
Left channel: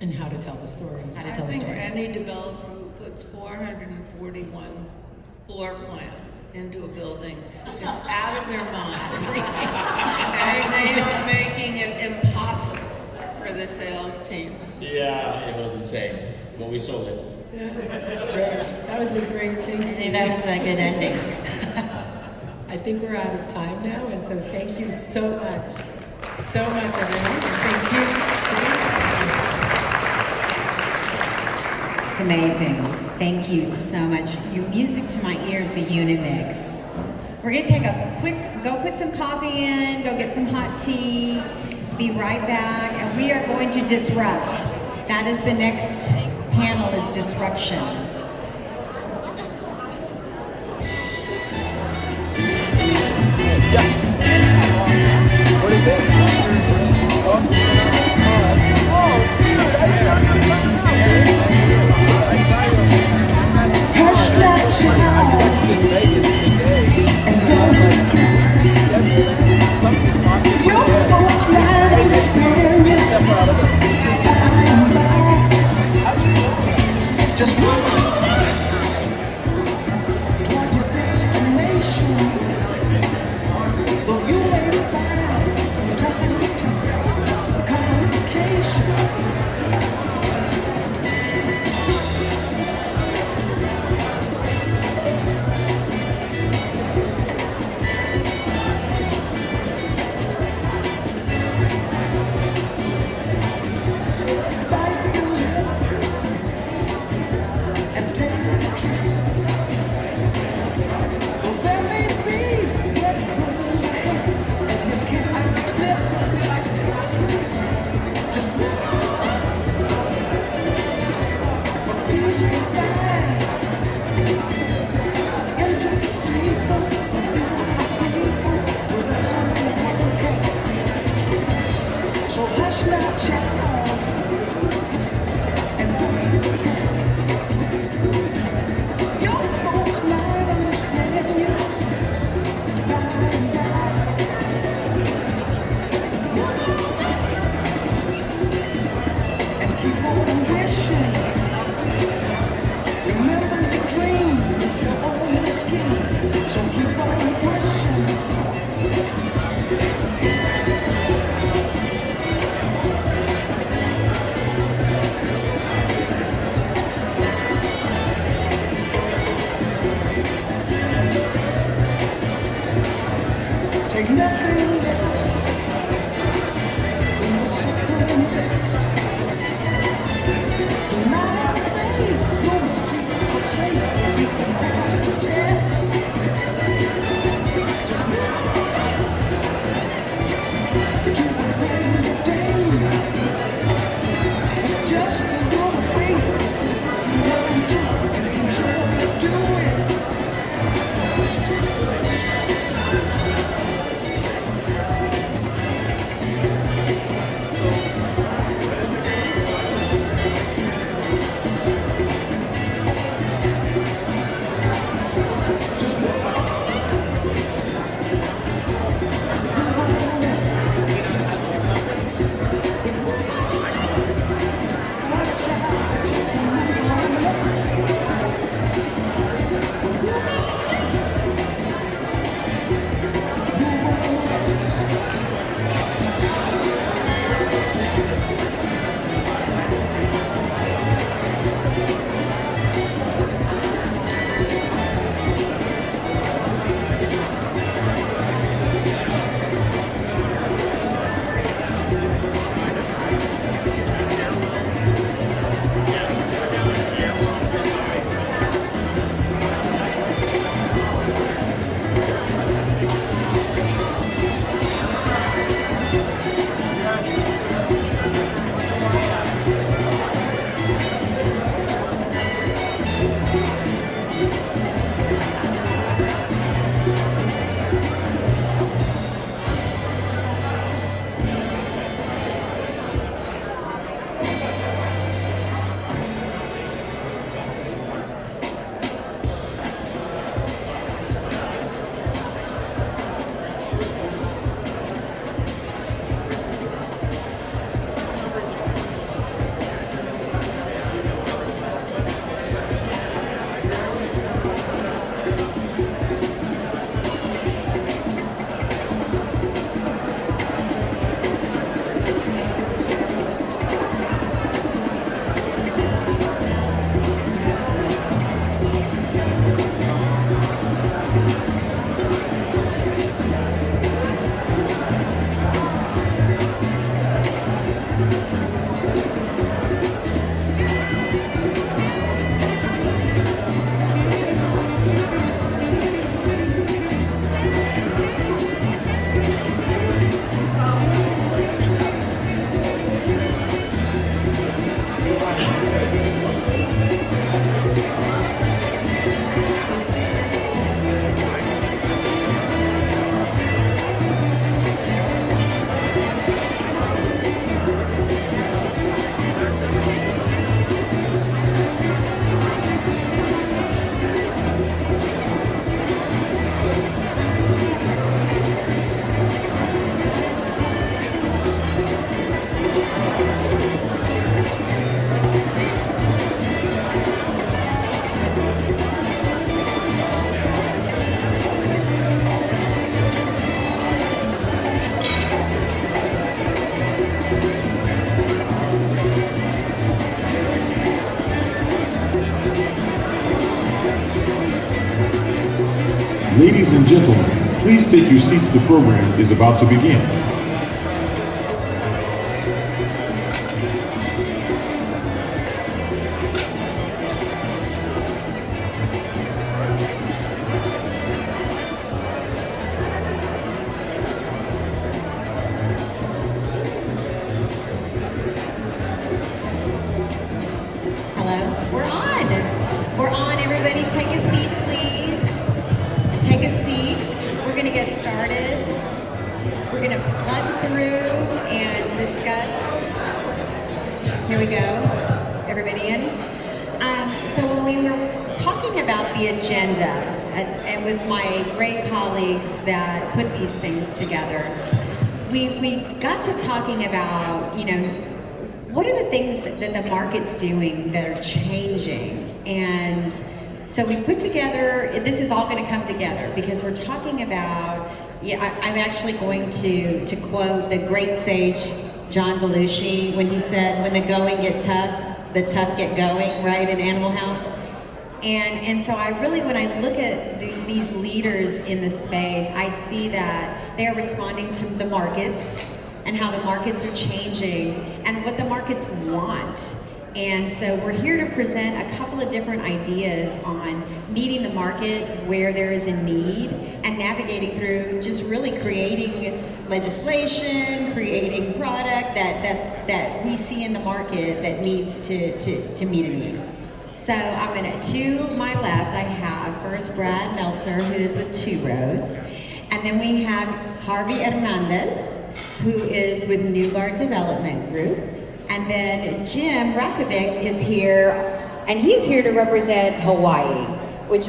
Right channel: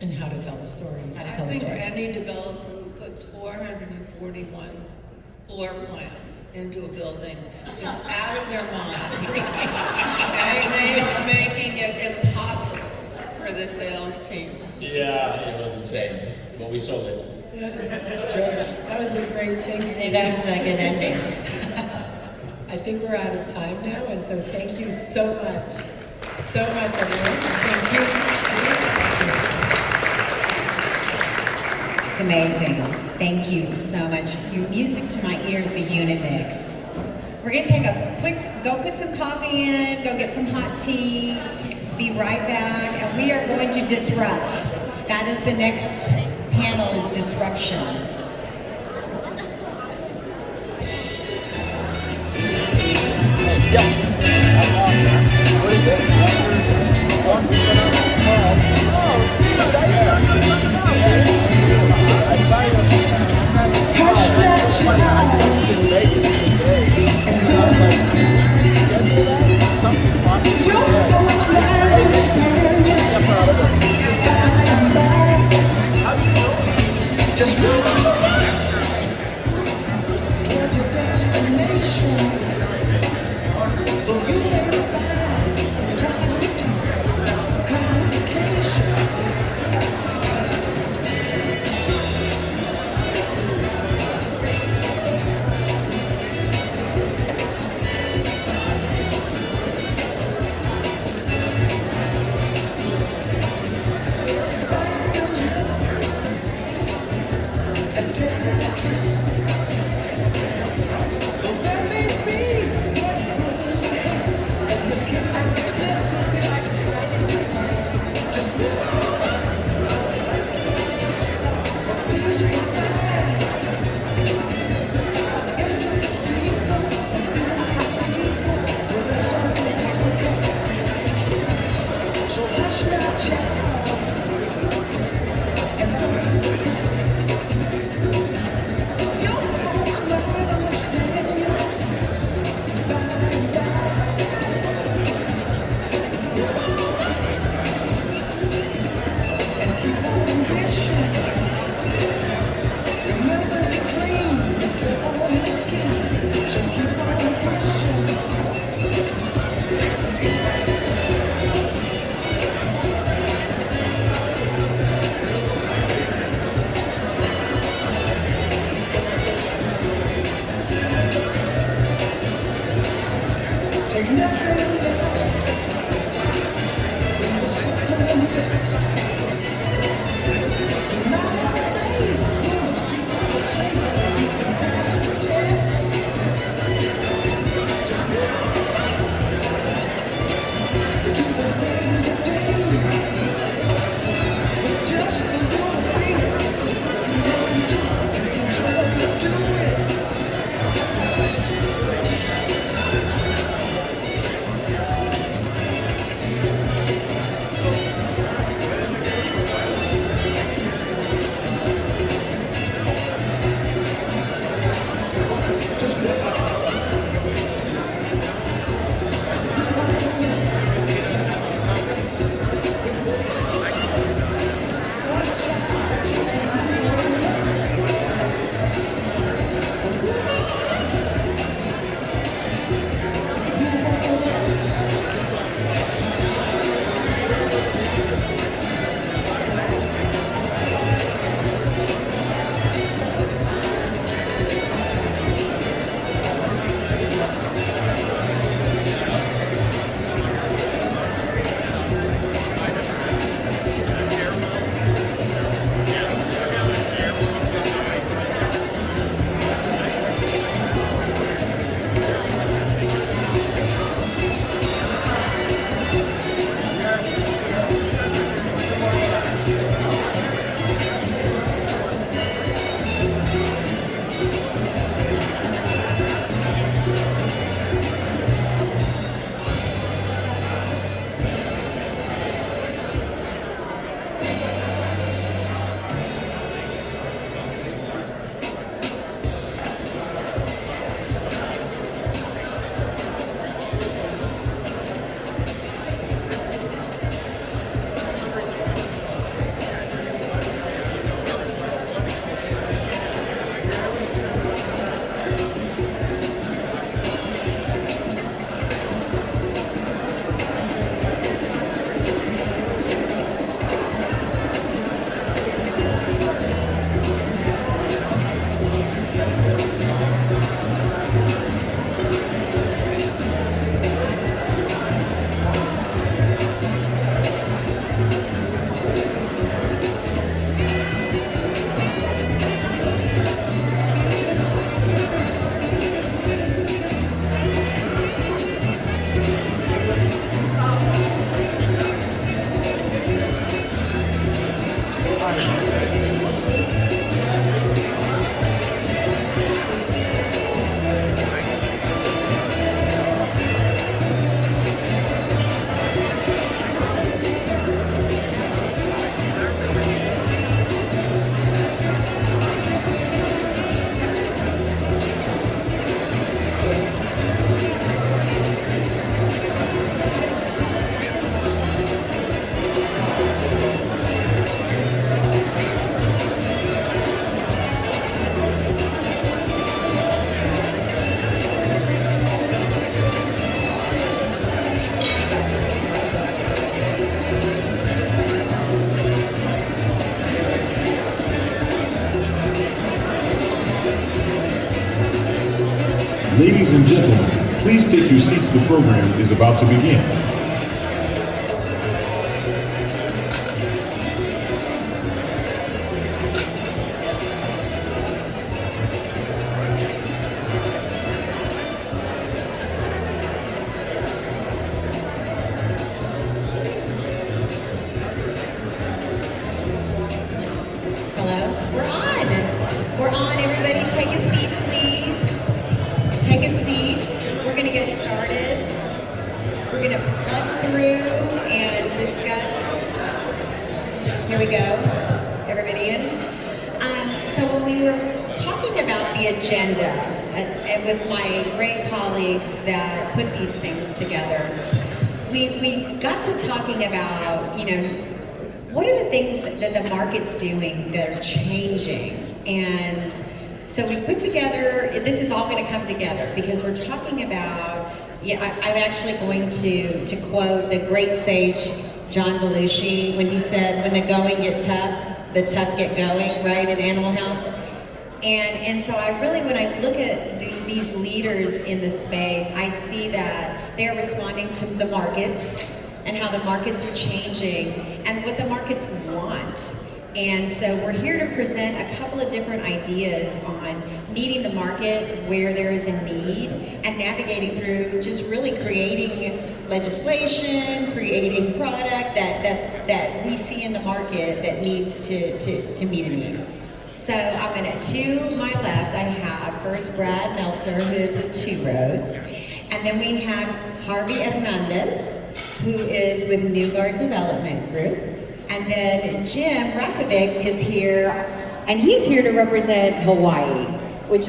And how to tell the story. How to tell the story. I think any developer who puts 441 floor plans into a building is out of their minds. And they are making it impossible for the sales team. Yeah, it was insane, but we sold it. That was a great thing. That was a good ending. I think we're out of time now, and so thank you so much. So much, everyone. Thank you. It's amazing. Thank you so much. You music to my ears, the unit mix. We're gonna take a quick, go put some coffee in, go get some hot tea, be right back, and we are going to disrupt. That is the next panel, is disruption. What is it? Please take your seats. The program is about to begin. Hello? We're on. We're on. Everybody take a seat, please. Take a seat. We're going to get started. We're going to plug through and discuss. Here we go. Everybody in? So when we were talking about the agenda, and with my great colleagues that put these things together, we got to talking about, what are the things that the market's doing that are changing? And so we put together, this is all going to come together because we're talking about, I'm actually going to quote the great sage John Belushi when he said, when the going get tough, the tough get going, right, in Animal House? And so I really, when I look at these leaders in the space, I see that they're responding to the markets and how the markets are changing and what the markets want. And so we're here to present a couple of different ideas on meeting the market where there is a need and navigating through just really creating legislation, creating product that we see in the market that needs to meet a need. So I'm to my left, I have first Brad Meltzer, who is with Two Roads. And then we have Harvey Hernandez, who is with Newgard Development Group. And then Jim Rakovic is here, and he's here to represent Hawaii, which